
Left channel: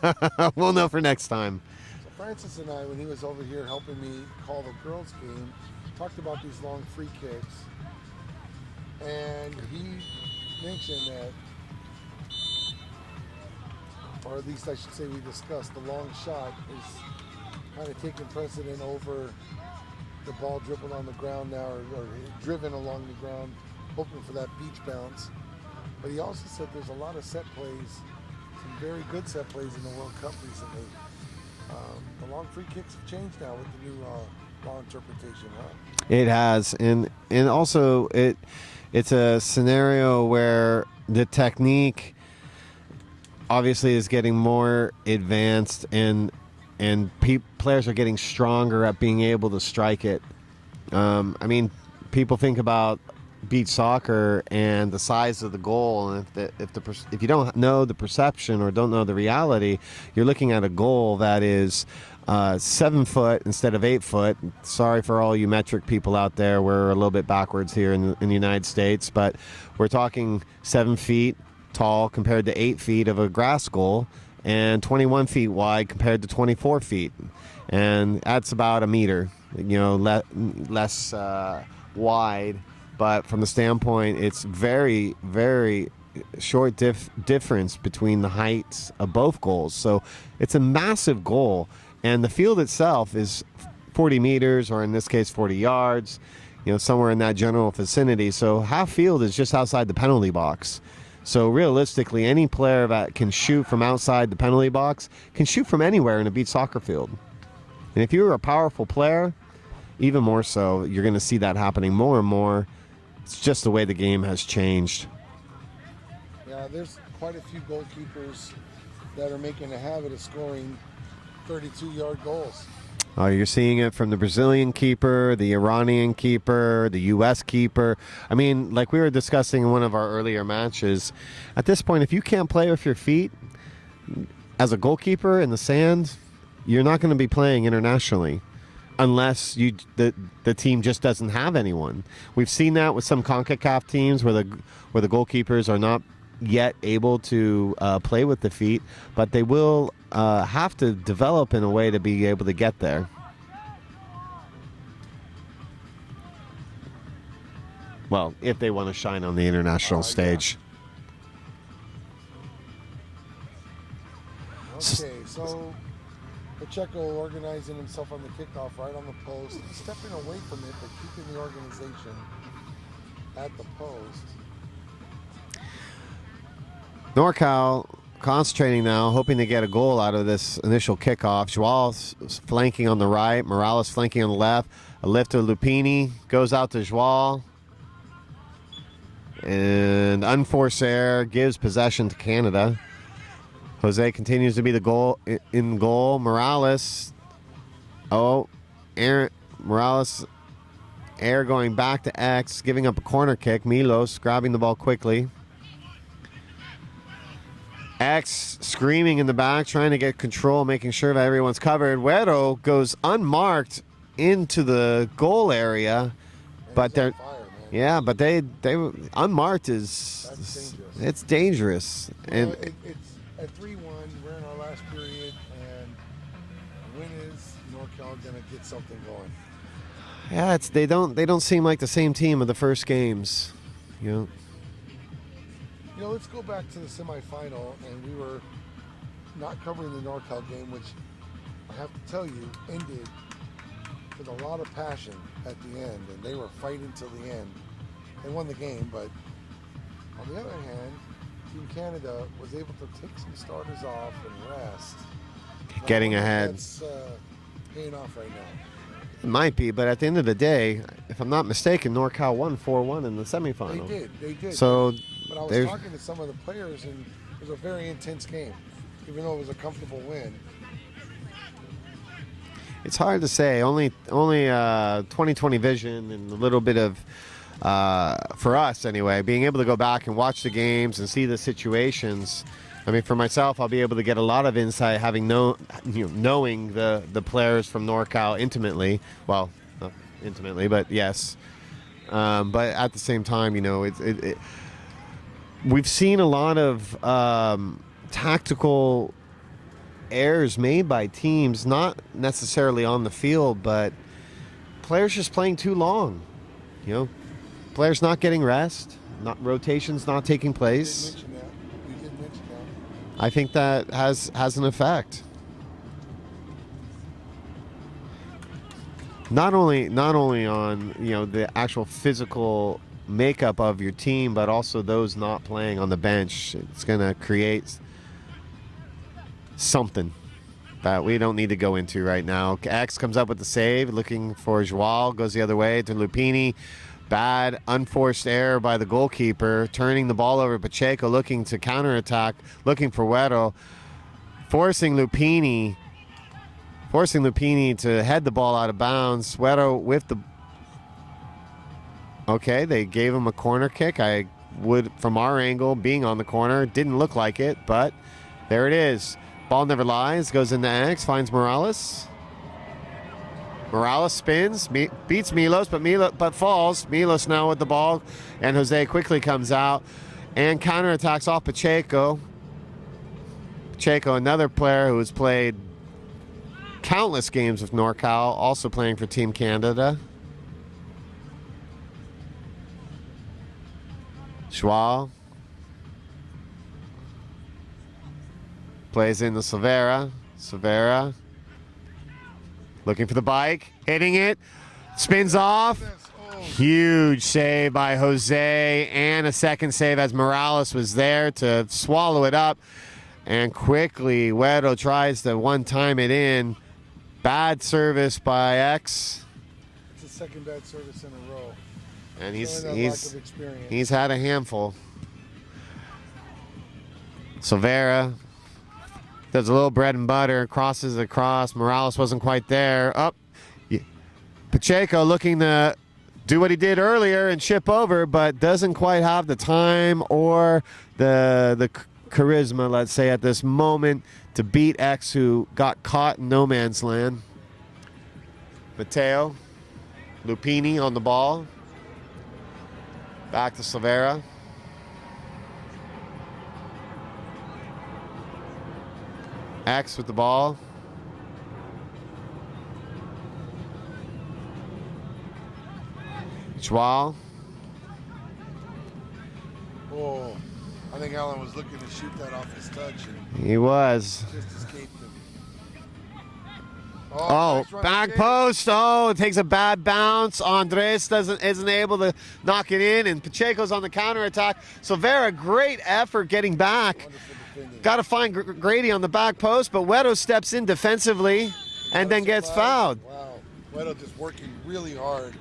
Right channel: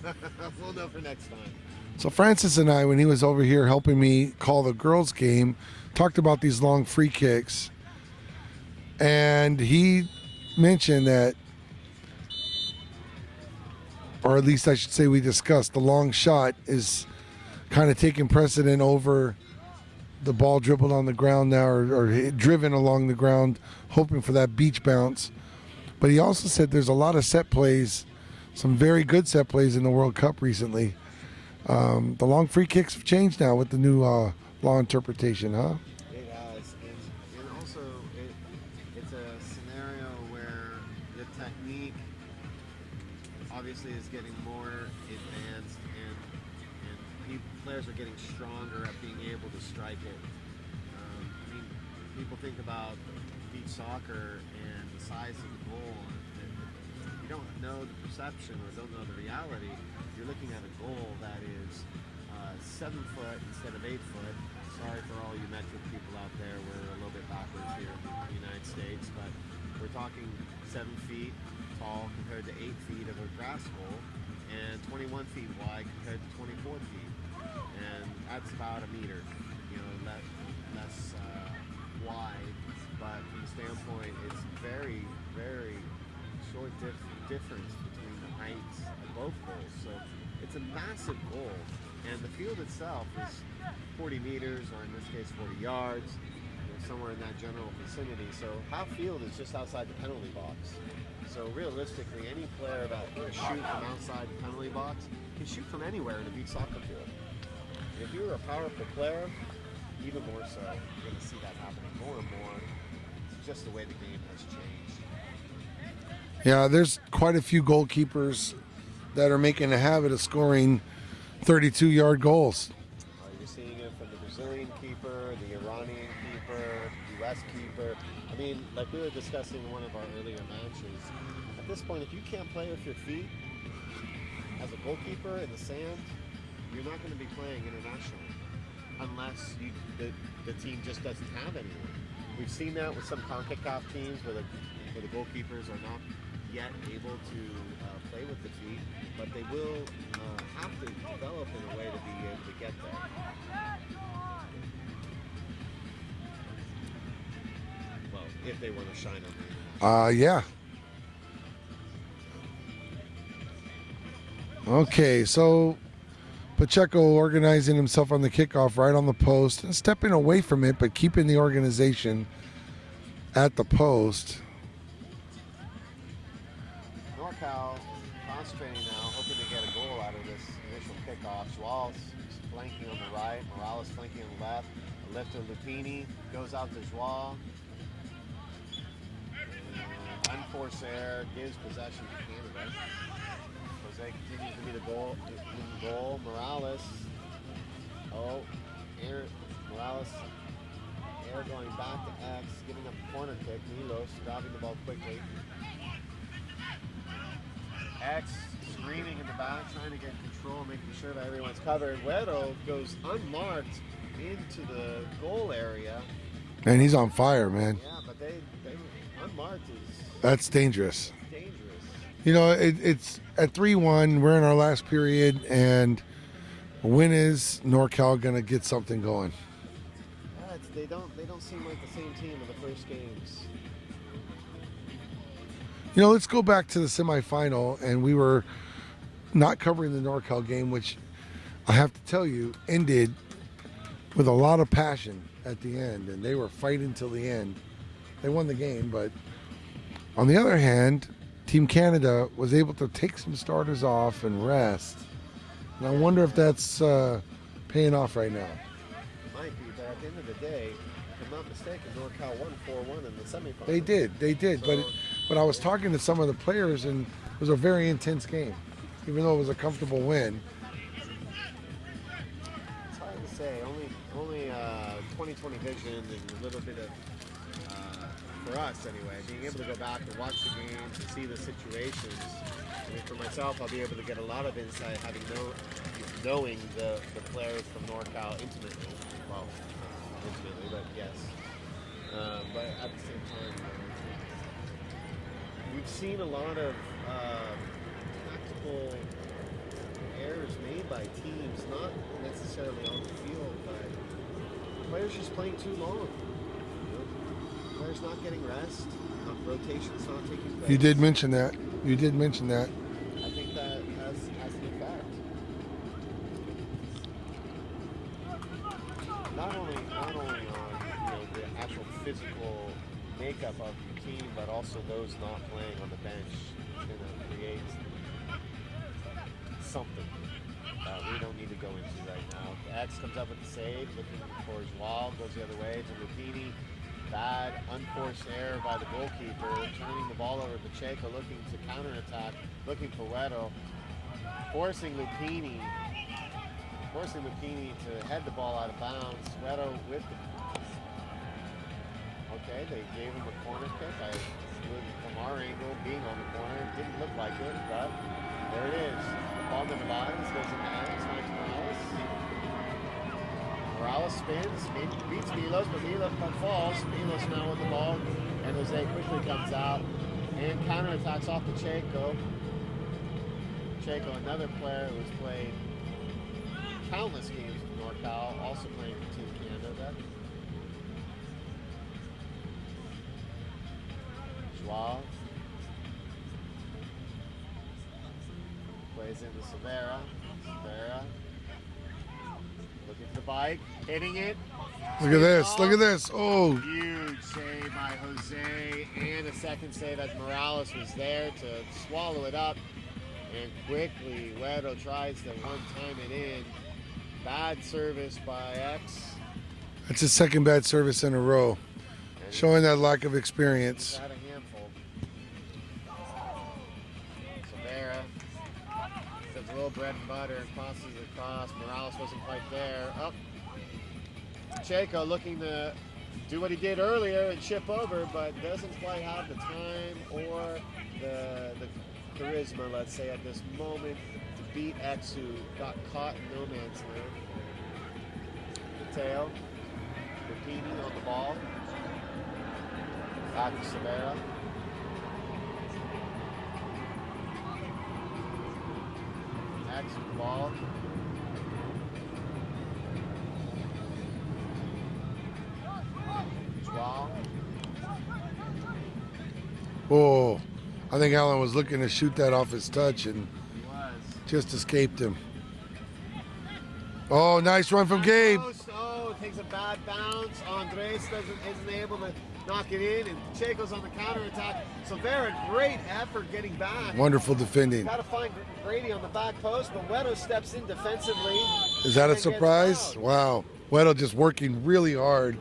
We'll know for next time. So Francis and I, when he was over here helping me call the girls' game, talked about these long free kicks. And he mentioned that, or at least I should say we discussed, the long shot is kind of taking precedent over the ball dribbled on the ground now, or driven along the ground, hoping for that beach bounce. But he also said there's a lot of set plays, some very good set plays in the World Cup recently. The long free kicks have changed now with the new law interpretation, huh? It has, and also it's a scenario where the technique obviously is getting more advanced, and players are getting stronger at being able to strike it. I mean, people think about beach soccer and the size of the goal, and if you don't know the perception or don't know the reality, you're looking at a goal that is 7 foot instead of 8 foot. Sorry for all you metric people out there. We're a little bit backwards here in the United States, but we're talking 7 feet tall compared to 8 feet of a grass goal, and 21 feet wide compared to 24 feet. And that's about a meter, less wide. But from the standpoint, it's very, very short difference between the heights of both goals. So it's a massive goal. And the field itself is 40 meters, or in this case, 40 yards, somewhere in that general vicinity. So half field is just outside the penalty box. So realistically, any player that can shoot from outside the penalty box can shoot from anywhere in a beach soccer field. And if you're a powerful player, even more so, you're going to see that happening more and more. It's just the way the game has changed. Yeah, there's quite a few goalkeepers that are making a habit of scoring 32-yard goals. Oh, you're seeing it from the Brazilian keeper, the Iranian keeper, the U.S. keeper. I mean, like we were discussing in one of our earlier matches, at this point, if you can't play with your feet as a goalkeeper in the sand, you're not going to be playing internationally unless the team just doesn't have anyone. We've seen that with some CONCACAF teams where the goalkeepers are not yet able to play with the feet, but they will have to develop in a way to be able to get there. Well, if they want to shine on the international stage. Yeah. Okay, so Pacheco organizing himself on the kickoff right on the post, stepping away from it, but keeping the organization at the post. NORCAL concentrating now, hoping to get a goal out of this initial kickoff. Joao flanking on the right, Morales flanking on the left. A lift to Lupini, goes out to Joao. And unforced error gives possession to Canada. Jose continues to be the goal in goal. Morales. Morales. Air going back to X, giving up a corner kick. Milos grabbing the ball quickly. X screaming in the back, trying to get control, making sure that everyone's covered. Güero goes unmarked into the goal area. And he's on fire, man. Yeah, but they unmarked is... That's dangerous. It's dangerous. You know, it's at 3-1. We're in our last period, and when is NORCAL going to get something going? Yeah, they don't seem like the same team of the first games. You know, let's go back to the semifinal, and we were not covering the NORCAL game, which I have to tell you ended with a lot of passion at the end, and they were fighting till the end. They won the game, but on the other hand, Team Canada was able to take some starters off and rest. And getting I wonder ahead. if that's paying off right now. It might be, but at the end of the day, if I'm not mistaken, NORCAL won 4-1 in the semifinal. They did. So, but I was talking to some of the players, and it was a very intense game, even though it was a comfortable win. It's hard to say. Only 20/20 vision and a little bit of, for us anyway, being able to go back and watch the games and see the situations. I mean, for myself, I'll be able to get a lot of insight having knowing the players from NORCAL intimately. Well, not intimately, but yes. But at the same time, we've seen a lot of tactical errors made by teams, not necessarily on the field, but players just playing too long. Players not getting rest, rotations not taking place. You did mention that. I think that has an effect. Not only on the actual physical makeup of your team, but also those not playing on the bench. It's going to create something that we don't need to go into right now. X comes up with the save, looking for Joao, goes the other way to Lupini. Bad unforced error by the goalkeeper, turning the ball over. Pacheco looking to counterattack, looking for Güero, forcing Lupini to head the ball out of bounds. Güero with the... Okay, they gave him a corner kick. I would, from our angle, being on the corner, didn't look like it, but there it is. Ball never lies, goes into X, finds Morales. Morales spins, beats Milos, but falls. Milos now with the ball, and Jose quickly comes out and counterattacks off Pacheco. Pacheco, another player who has played countless games with NORCAL, also playing for Team Canada. Joao plays into Silveira. Silveira looking for the bike, hitting it, spins off. Look at this. Oh. Huge save by Jose, and a second save as Morales was there to swallow it up. And quickly, Güero tries to one-time it in. Bad service by X. That's his second bad service in a row. And showing that lack of experience. He's had a handful. Silveira does a little bread and butter, crosses across. Morales wasn't quite there. Up. Pacheco looking to do what he did earlier and chip over, but doesn't quite have the time or the charisma, let's say, at this moment to beat X, who got caught in no man's land. Mateo Lupini on the ball. Back to Silveira. X with the ball. Joao. Oh, I think Allen was looking to shoot that off his touch and He was. just escaped him. Oh, nice run from back Gabe. post. Oh, it takes a bad bounce. Andres isn't able to knock it in, and Pacheco's on the counterattack. Silvera, great effort getting back. Wonderful defending. Got to find Grady on the back post, but Wedo steps in defensively Is that and a then gets surprise? fouled. Wow. Weddle just working really hard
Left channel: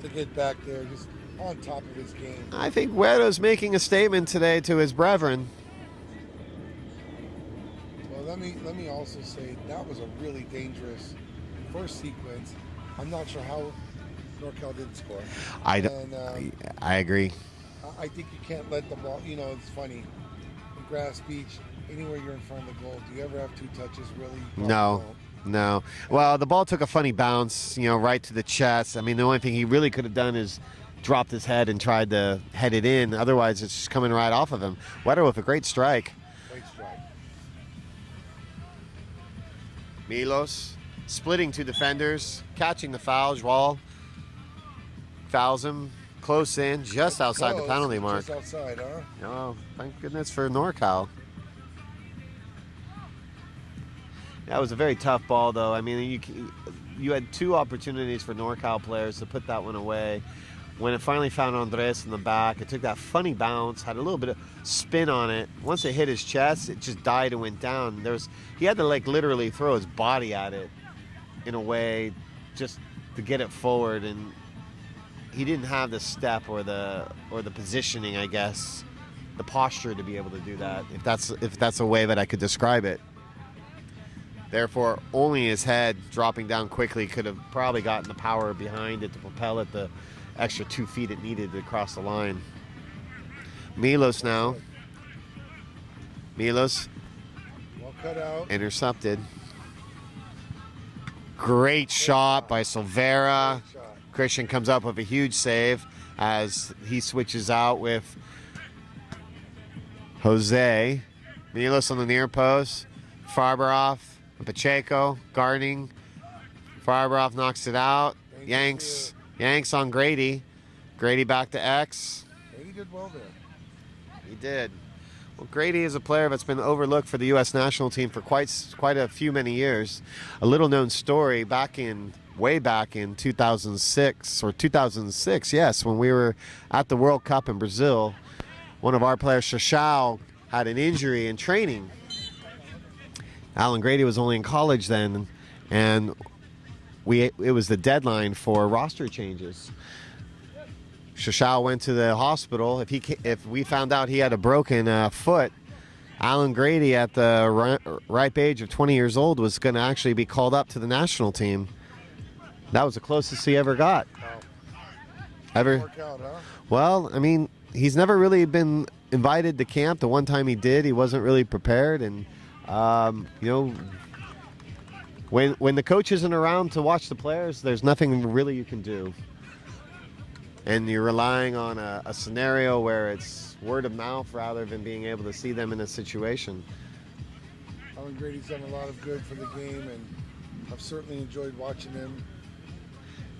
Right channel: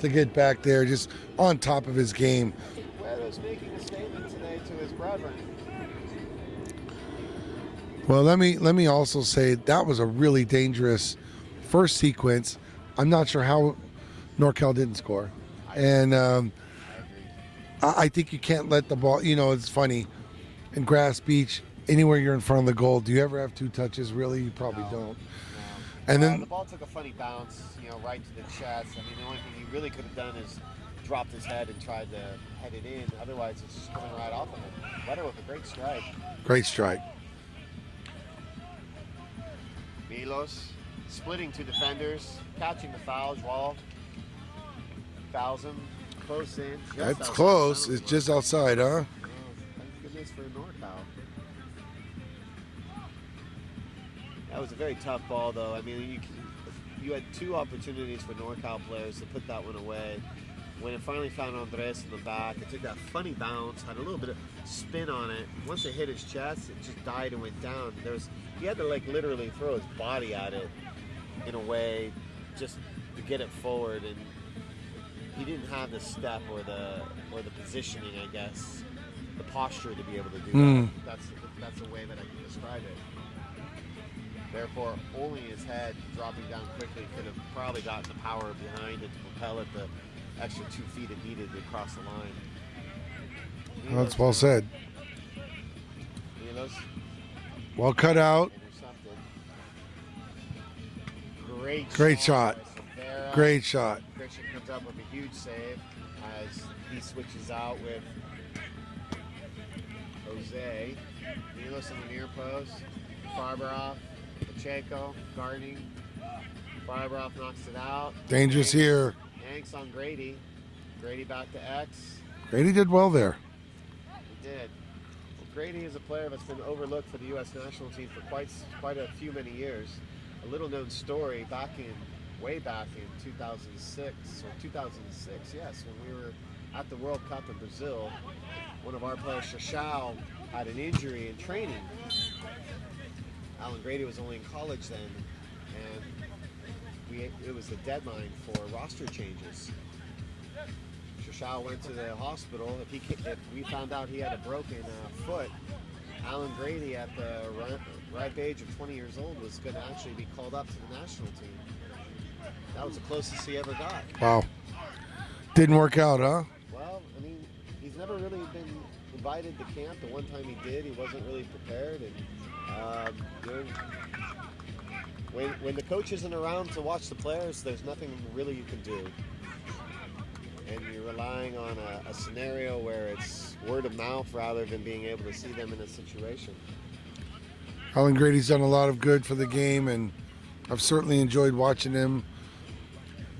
to get back there, just on top of his game. I think Wedo's making a statement today to his brethren. Well, let me also say that was a really dangerous first sequence. I'm not sure how NorCal didn't score. I agree. I think you can't let the ball, it's funny. In Grass Beach, anywhere you're in front of the goal, do you ever have two touches really? You probably don't. No. And Well, then- the ball took a funny bounce, right to the chest. I mean, the only thing he really could have done is dropped his head and tried to head it in. Otherwise, it's just coming right off of him. Wedo with a great strike. Great strike. Milos splitting two defenders, catching the foul. Joao fouls him close in, just That's outside close. the penalty It's mark. just outside, huh? Oh, thank goodness for NorCal. That was a very tough ball, though. I mean, you had two opportunities for NorCal players to put that one away. When it finally found Andres in the back, it took that funny bounce, had a little bit of spin on it. Once it hit his chest, it just died and went down. He had to literally throw his body at it in a way just to get it forward, and he didn't have the step or the positioning, I guess, the posture to be able to do that. If that's a way that I could describe it. Therefore, only his head dropping down quickly could have probably gotten the power behind it to propel it the extra 2 feet it needed to cross the line. Milos Well now. said. Milos Well cut out. intercepted. Great shot by Silvera. Great shot. Christian comes up with a huge save as he switches out with Jose. Milos on the near post. Farberoff, Pacheco, guarding. Farberoff knocks it out. Dangerous here. Yanks on Grady. Grady back to X. Grady did well there. He did. Well, Grady is a player that's been overlooked for the U.S. national team for quite a few many years. A little known story way back in 2006, yes, when we were at the World Cup in Brazil. One of our players, Shashao, had an injury in training. Alan Grady was only in college then, and it was the deadline for roster changes. Shashao went to the hospital. If we found out he had a broken foot, Alan Grady at the ripe age of 20 years old was going to actually be called up to the national team. That was the closest he ever got. Wow. Didn't work out, huh? Well, I mean, he's never really been invited to camp. The one time he did, he wasn't really prepared, and when the coach isn't around to watch the players, there's nothing really you can do. And you're relying on a scenario where it's word of mouth rather than being able to see them in a situation. Alan Grady's done a lot of good for the game, and I've certainly enjoyed watching him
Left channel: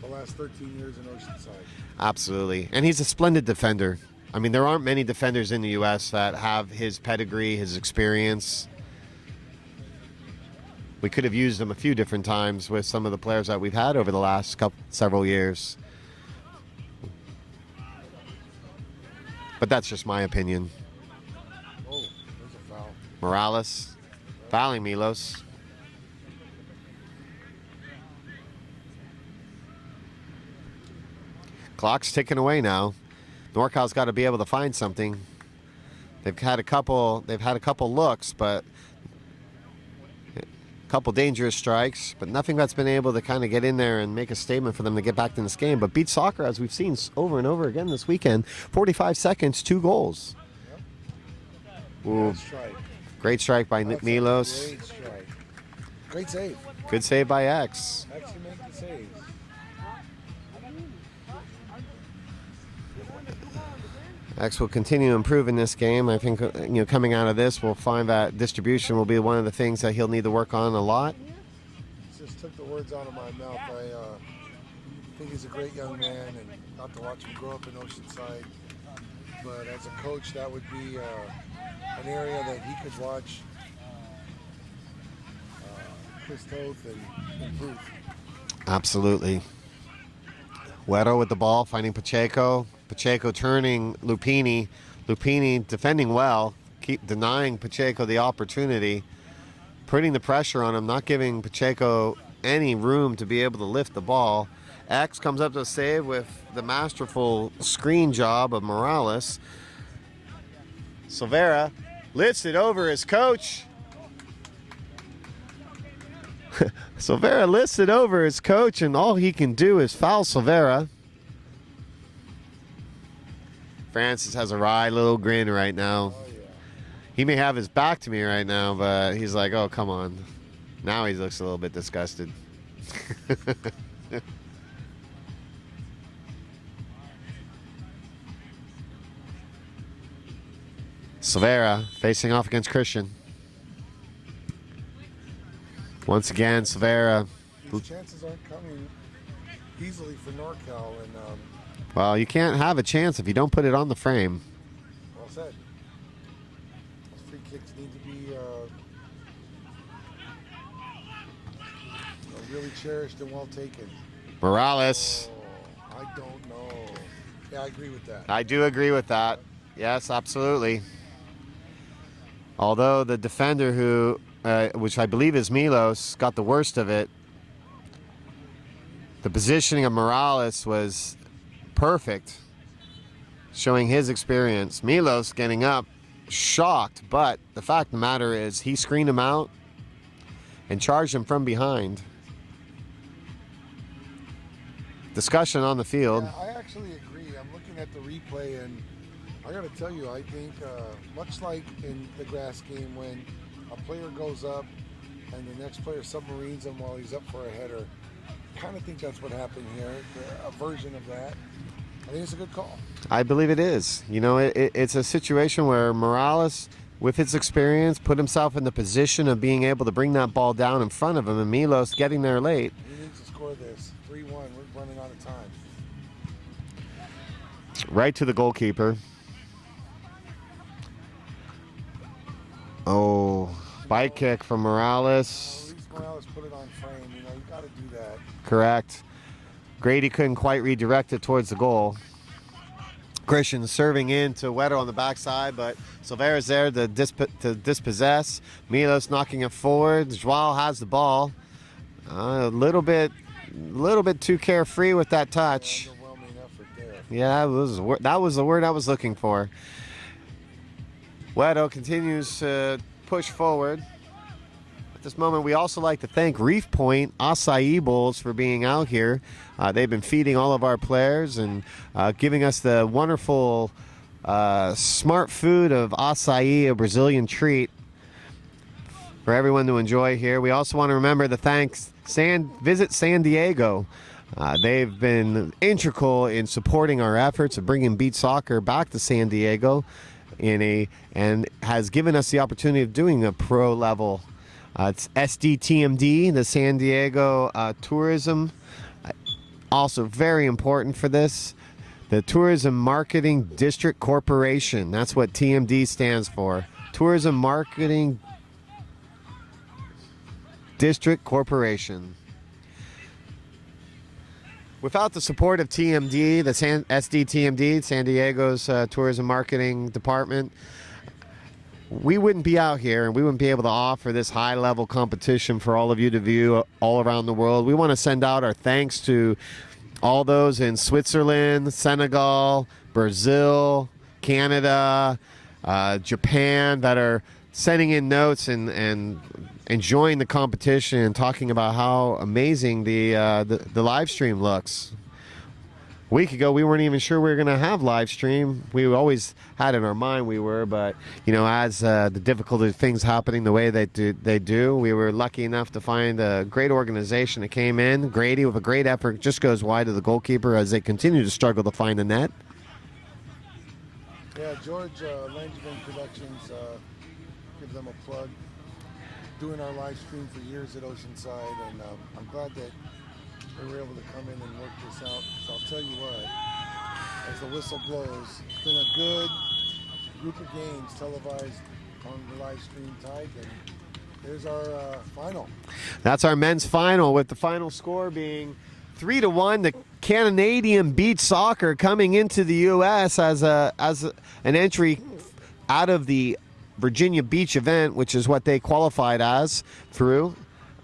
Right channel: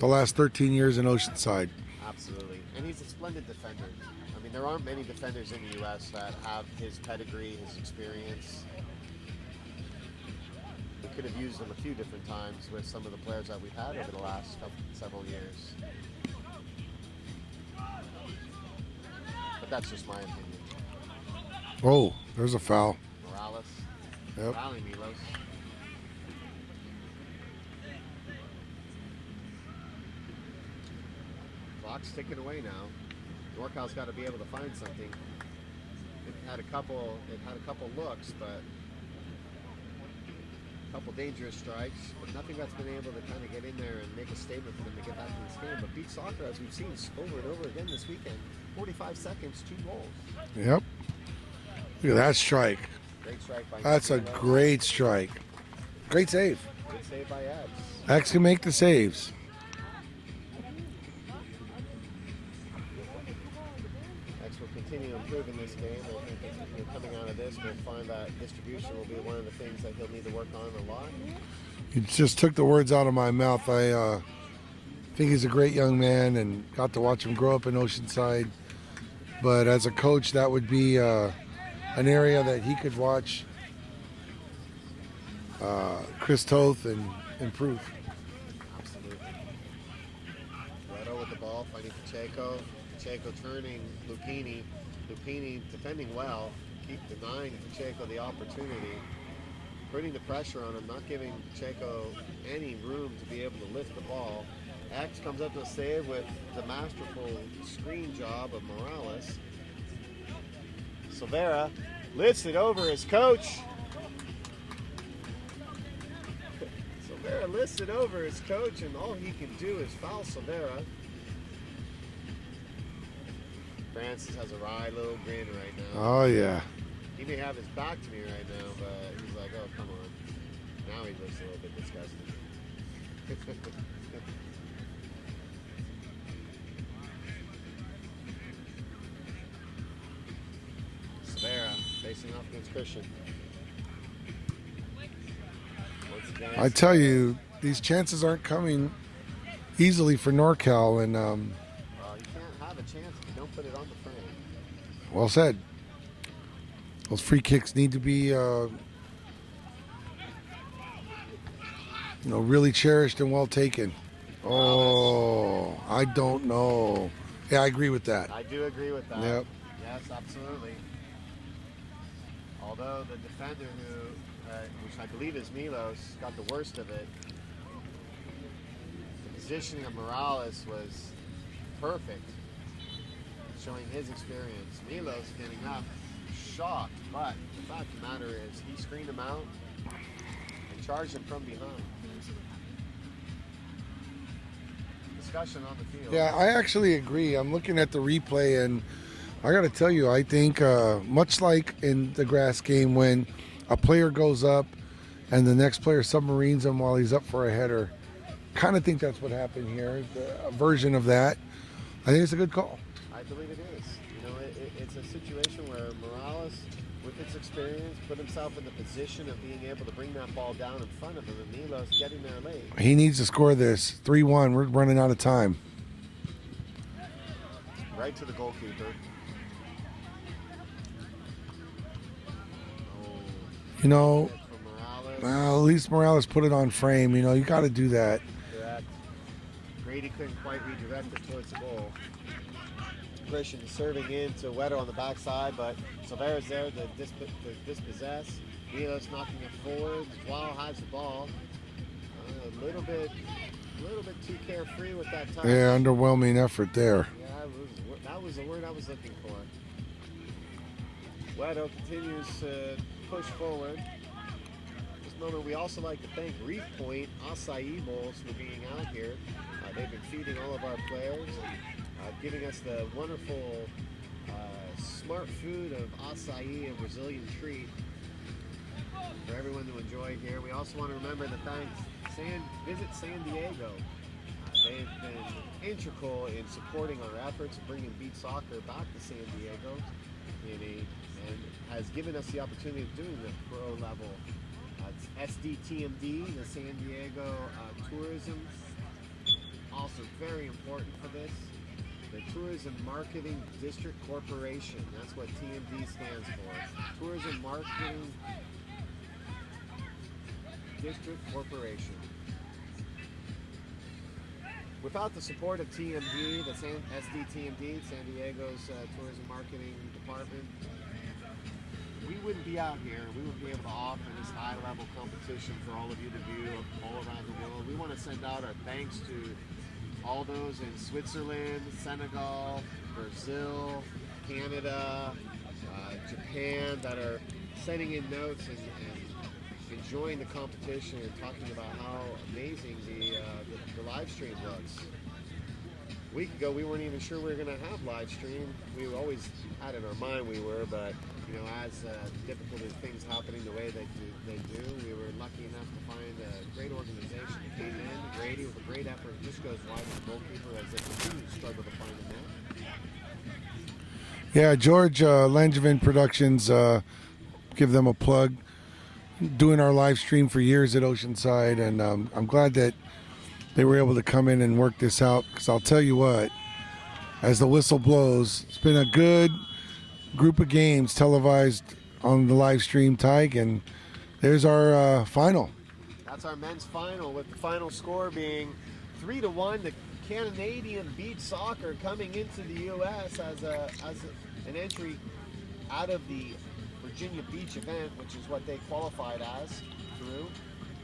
the last 13 years in Oceanside. Absolutely. And he's a splendid defender. I mean, there aren't many defenders in the U.S. that have his pedigree, his experience. We could have used him a few different times with some of the players that we've had over the last several years. But that's just my opinion. Oh, there's a foul. Morales fouling Milos. Clock's ticking away now. NorCal's got to be able to find something. They've had a couple looks, but a couple dangerous strikes, but nothing that's been able to kind of get in there and make a statement for them to get back in this game. But beat soccer, as we've seen over and over again this weekend. 45 seconds, 2 goals. Yep. Look at that strike. Great strike by That's Milos. a great strike. Great save. Good save by X. X can make the saves. X will continue to improve in this game. I think, coming out of this, we'll find that distribution will be one of the things that he'll need to work on a lot. You just took the words out of my mouth. I think he's a great young man and got to watch him grow up in Oceanside. But as a coach, that would be an area that he could watch Chris Toth and improve. Absolutely. Wedo with the ball, finding Pacheco. Pacheco turning Lupini. Lupini defending well, keep denying Pacheco the opportunity, putting the pressure on him, not giving Pacheco any room to be able to lift the ball. X comes up to a save with the masterful screen job of Morales. Silvera lifts it over his coach. Silvera lifts it over his coach, and all he can do is foul Silvera. Francis has a wry little grin right now. Oh, yeah. He may have his back to me right now, but he's like, oh, come on. Now he looks a little bit disgusted. Silvera facing off against Christian. Once again, I Silvera. tell you, these chances aren't coming easily for NORCAL, and Well, you can't have a chance if you don't put it on the frame. well said. Those free kicks need to be, really cherished and well taken. Morales. Oh, I don't know. Yeah, I agree with that. I do agree with that. Yep. Yes, absolutely. Although the defender who, which I believe is Milos, got the worst of it, the positioning of Morales was perfect, showing his experience. Milos getting up, shocked, but the fact of the matter is he screened him out and charged him from behind. Discussion on the field. Yeah, I actually agree. I'm looking at the replay, and I got to tell you, I think much like in the grass game when a player goes up and the next player submarines him while he's up for a header, kind of think that's what happened here, a version of that. I think it's a good call. I believe it is. It's a situation where Morales, with his experience, put himself in the position of being able to bring that ball down in front of him, and Milos getting there late. He needs to score this. 3-1. We're running out of time. Right to the goalkeeper. Oh, high kick from Morales. Well, at least Morales put it on frame. You got to do that. Correct. Grady couldn't quite redirect it towards the goal. Christian serving in to Wetter on the backside, but Silvera's there to dispossess. Milos knocking it forward. Joao has the ball. A little bit too carefree with that touch. Yeah, underwhelming effort there. Yeah, that was the word I was looking for. Wedo continues to push forward. At this moment, we also like to thank Reef Point Acai Bowls for being out here. They've been feeding all of our players and giving us the wonderful smart food of acai, a Brazilian treat for everyone to enjoy here. We also want to remember to thank Visit San Diego. They've been integral in supporting our efforts of bringing beach soccer back to San Diego and has given us the opportunity of doing a pro level. It's SDTMD, the San Diego Tourism. Also very important for this, the Tourism Marketing District Corporation. That's what TMD stands for. Tourism Marketing District Corporation. Without the support of TMD, the SDTMD, San Diego's Tourism Marketing Department, we wouldn't be out here and we wouldn't be able to offer this high-level competition for all of you to view all around the world. We want to send out our thanks to all those in Switzerland, Senegal, Brazil, Canada, Japan that are sending in notes and enjoying the competition and talking about how amazing the live stream looks. A week ago, we weren't even sure we were going to have live stream. We always had in our mind we were, but as the difficulty of things happening the way they do, we were lucky enough to find a great organization that came in. Grady, with a great effort, just goes wide to the goalkeeper as they continue to struggle to find the net. Yeah, George Langevin Productions, give them a plug. Doing our live stream for years at Oceanside, and I'm glad that they were able to come in and work this out, because I'll tell you what, as the whistle blows, it's been a good group of games televised on the live stream, Tyke, and there's our final. That's our men's final, with the final score being 3-1. The Canadian Beach Soccer coming into the U.S. as an entry out of the Virginia Beach event, which is what they qualified as through,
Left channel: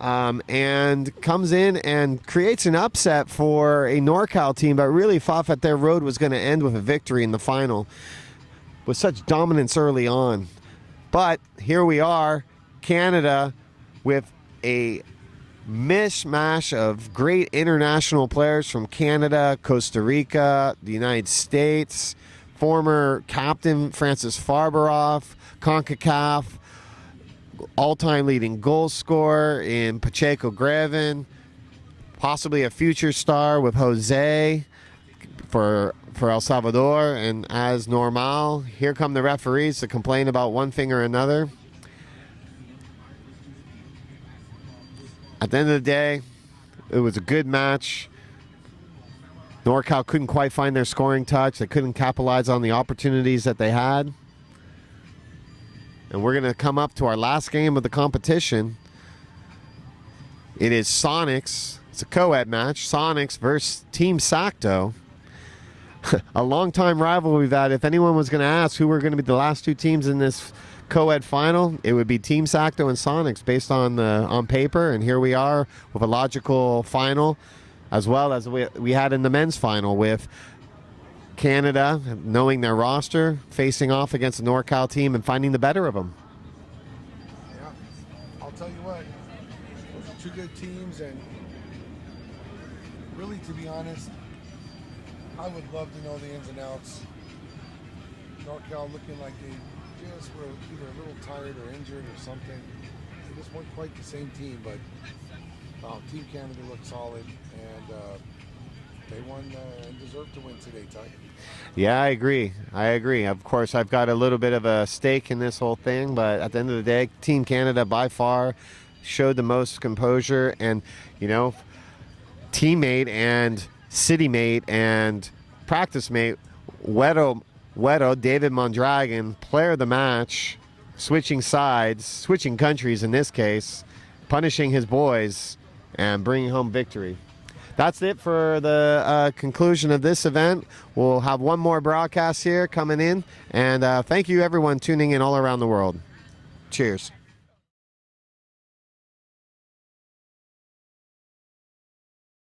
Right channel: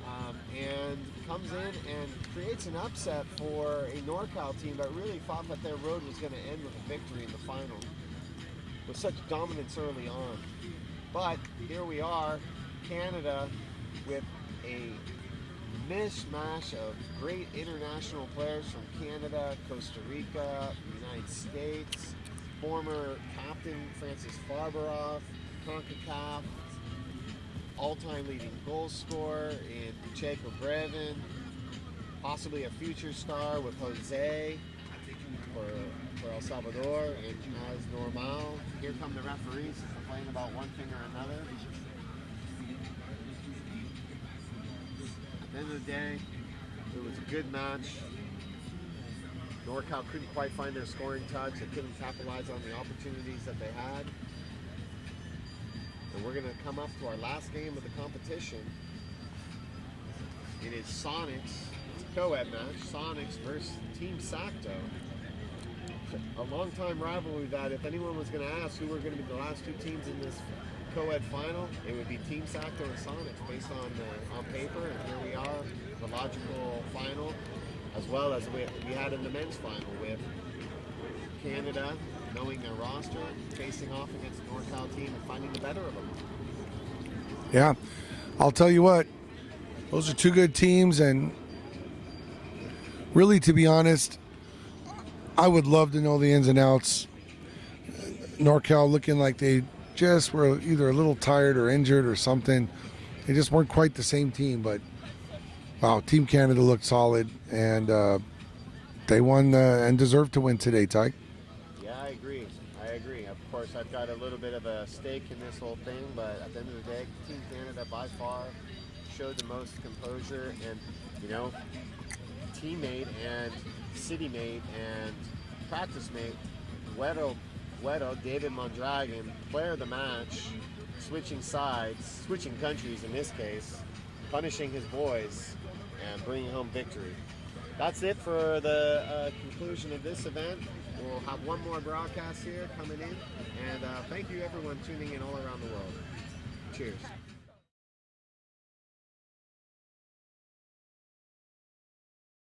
and comes in and creates an upset for a NorCal team that really thought that their road was going to end with a victory in the final with such dominance early on. But here we are, Canada, with a mishmash of great international players from Canada, Costa Rica, the United States, former captain Francis Farberoff, CONCACAF, all-time leading goal scorer in Pacheco Greven, possibly a future star with Jose for El Salvador, and as NORCAL, here come the referees to complain about one thing or another. At the end of the day, it was a good match. NorCal couldn't quite find their scoring touch. They couldn't capitalize on the opportunities that they had. And we're going to come up to our last game of the competition. It is Sonics. It's a co-ed match. Sonics versus Team Sacto. A long-time rival we've had. If anyone was going to ask who were going to be the last two teams in this co-ed final, it would be Team Sacto and Sonics based on paper. And here we are with a logical final, as well as we had in the men's final, with Canada, knowing their roster, facing off against the NorCal team and finding the better of them. Yeah, I'll tell you what, those are two good teams, and really, to be honest, I would love to know the ins and outs. NorCal looking like they just were either a little tired or injured or something. They just weren't quite the same team, but wow, Team Canada looked solid, and they won and deserved to win today, Ty. Yeah, I agree. Of course, I've got a little bit of a stake in this whole thing, but at the end of the day, Team Canada by far showed the most composure, and, you know, teammate and city mate and practice mate, Wedo, David Mondragon, player of the match, switching sides, switching countries in this case, punishing his boys, and bringing home victory. That's it for the conclusion of this event. We'll have one more broadcast here coming in, and thank you everyone tuning in all around the world. Cheers.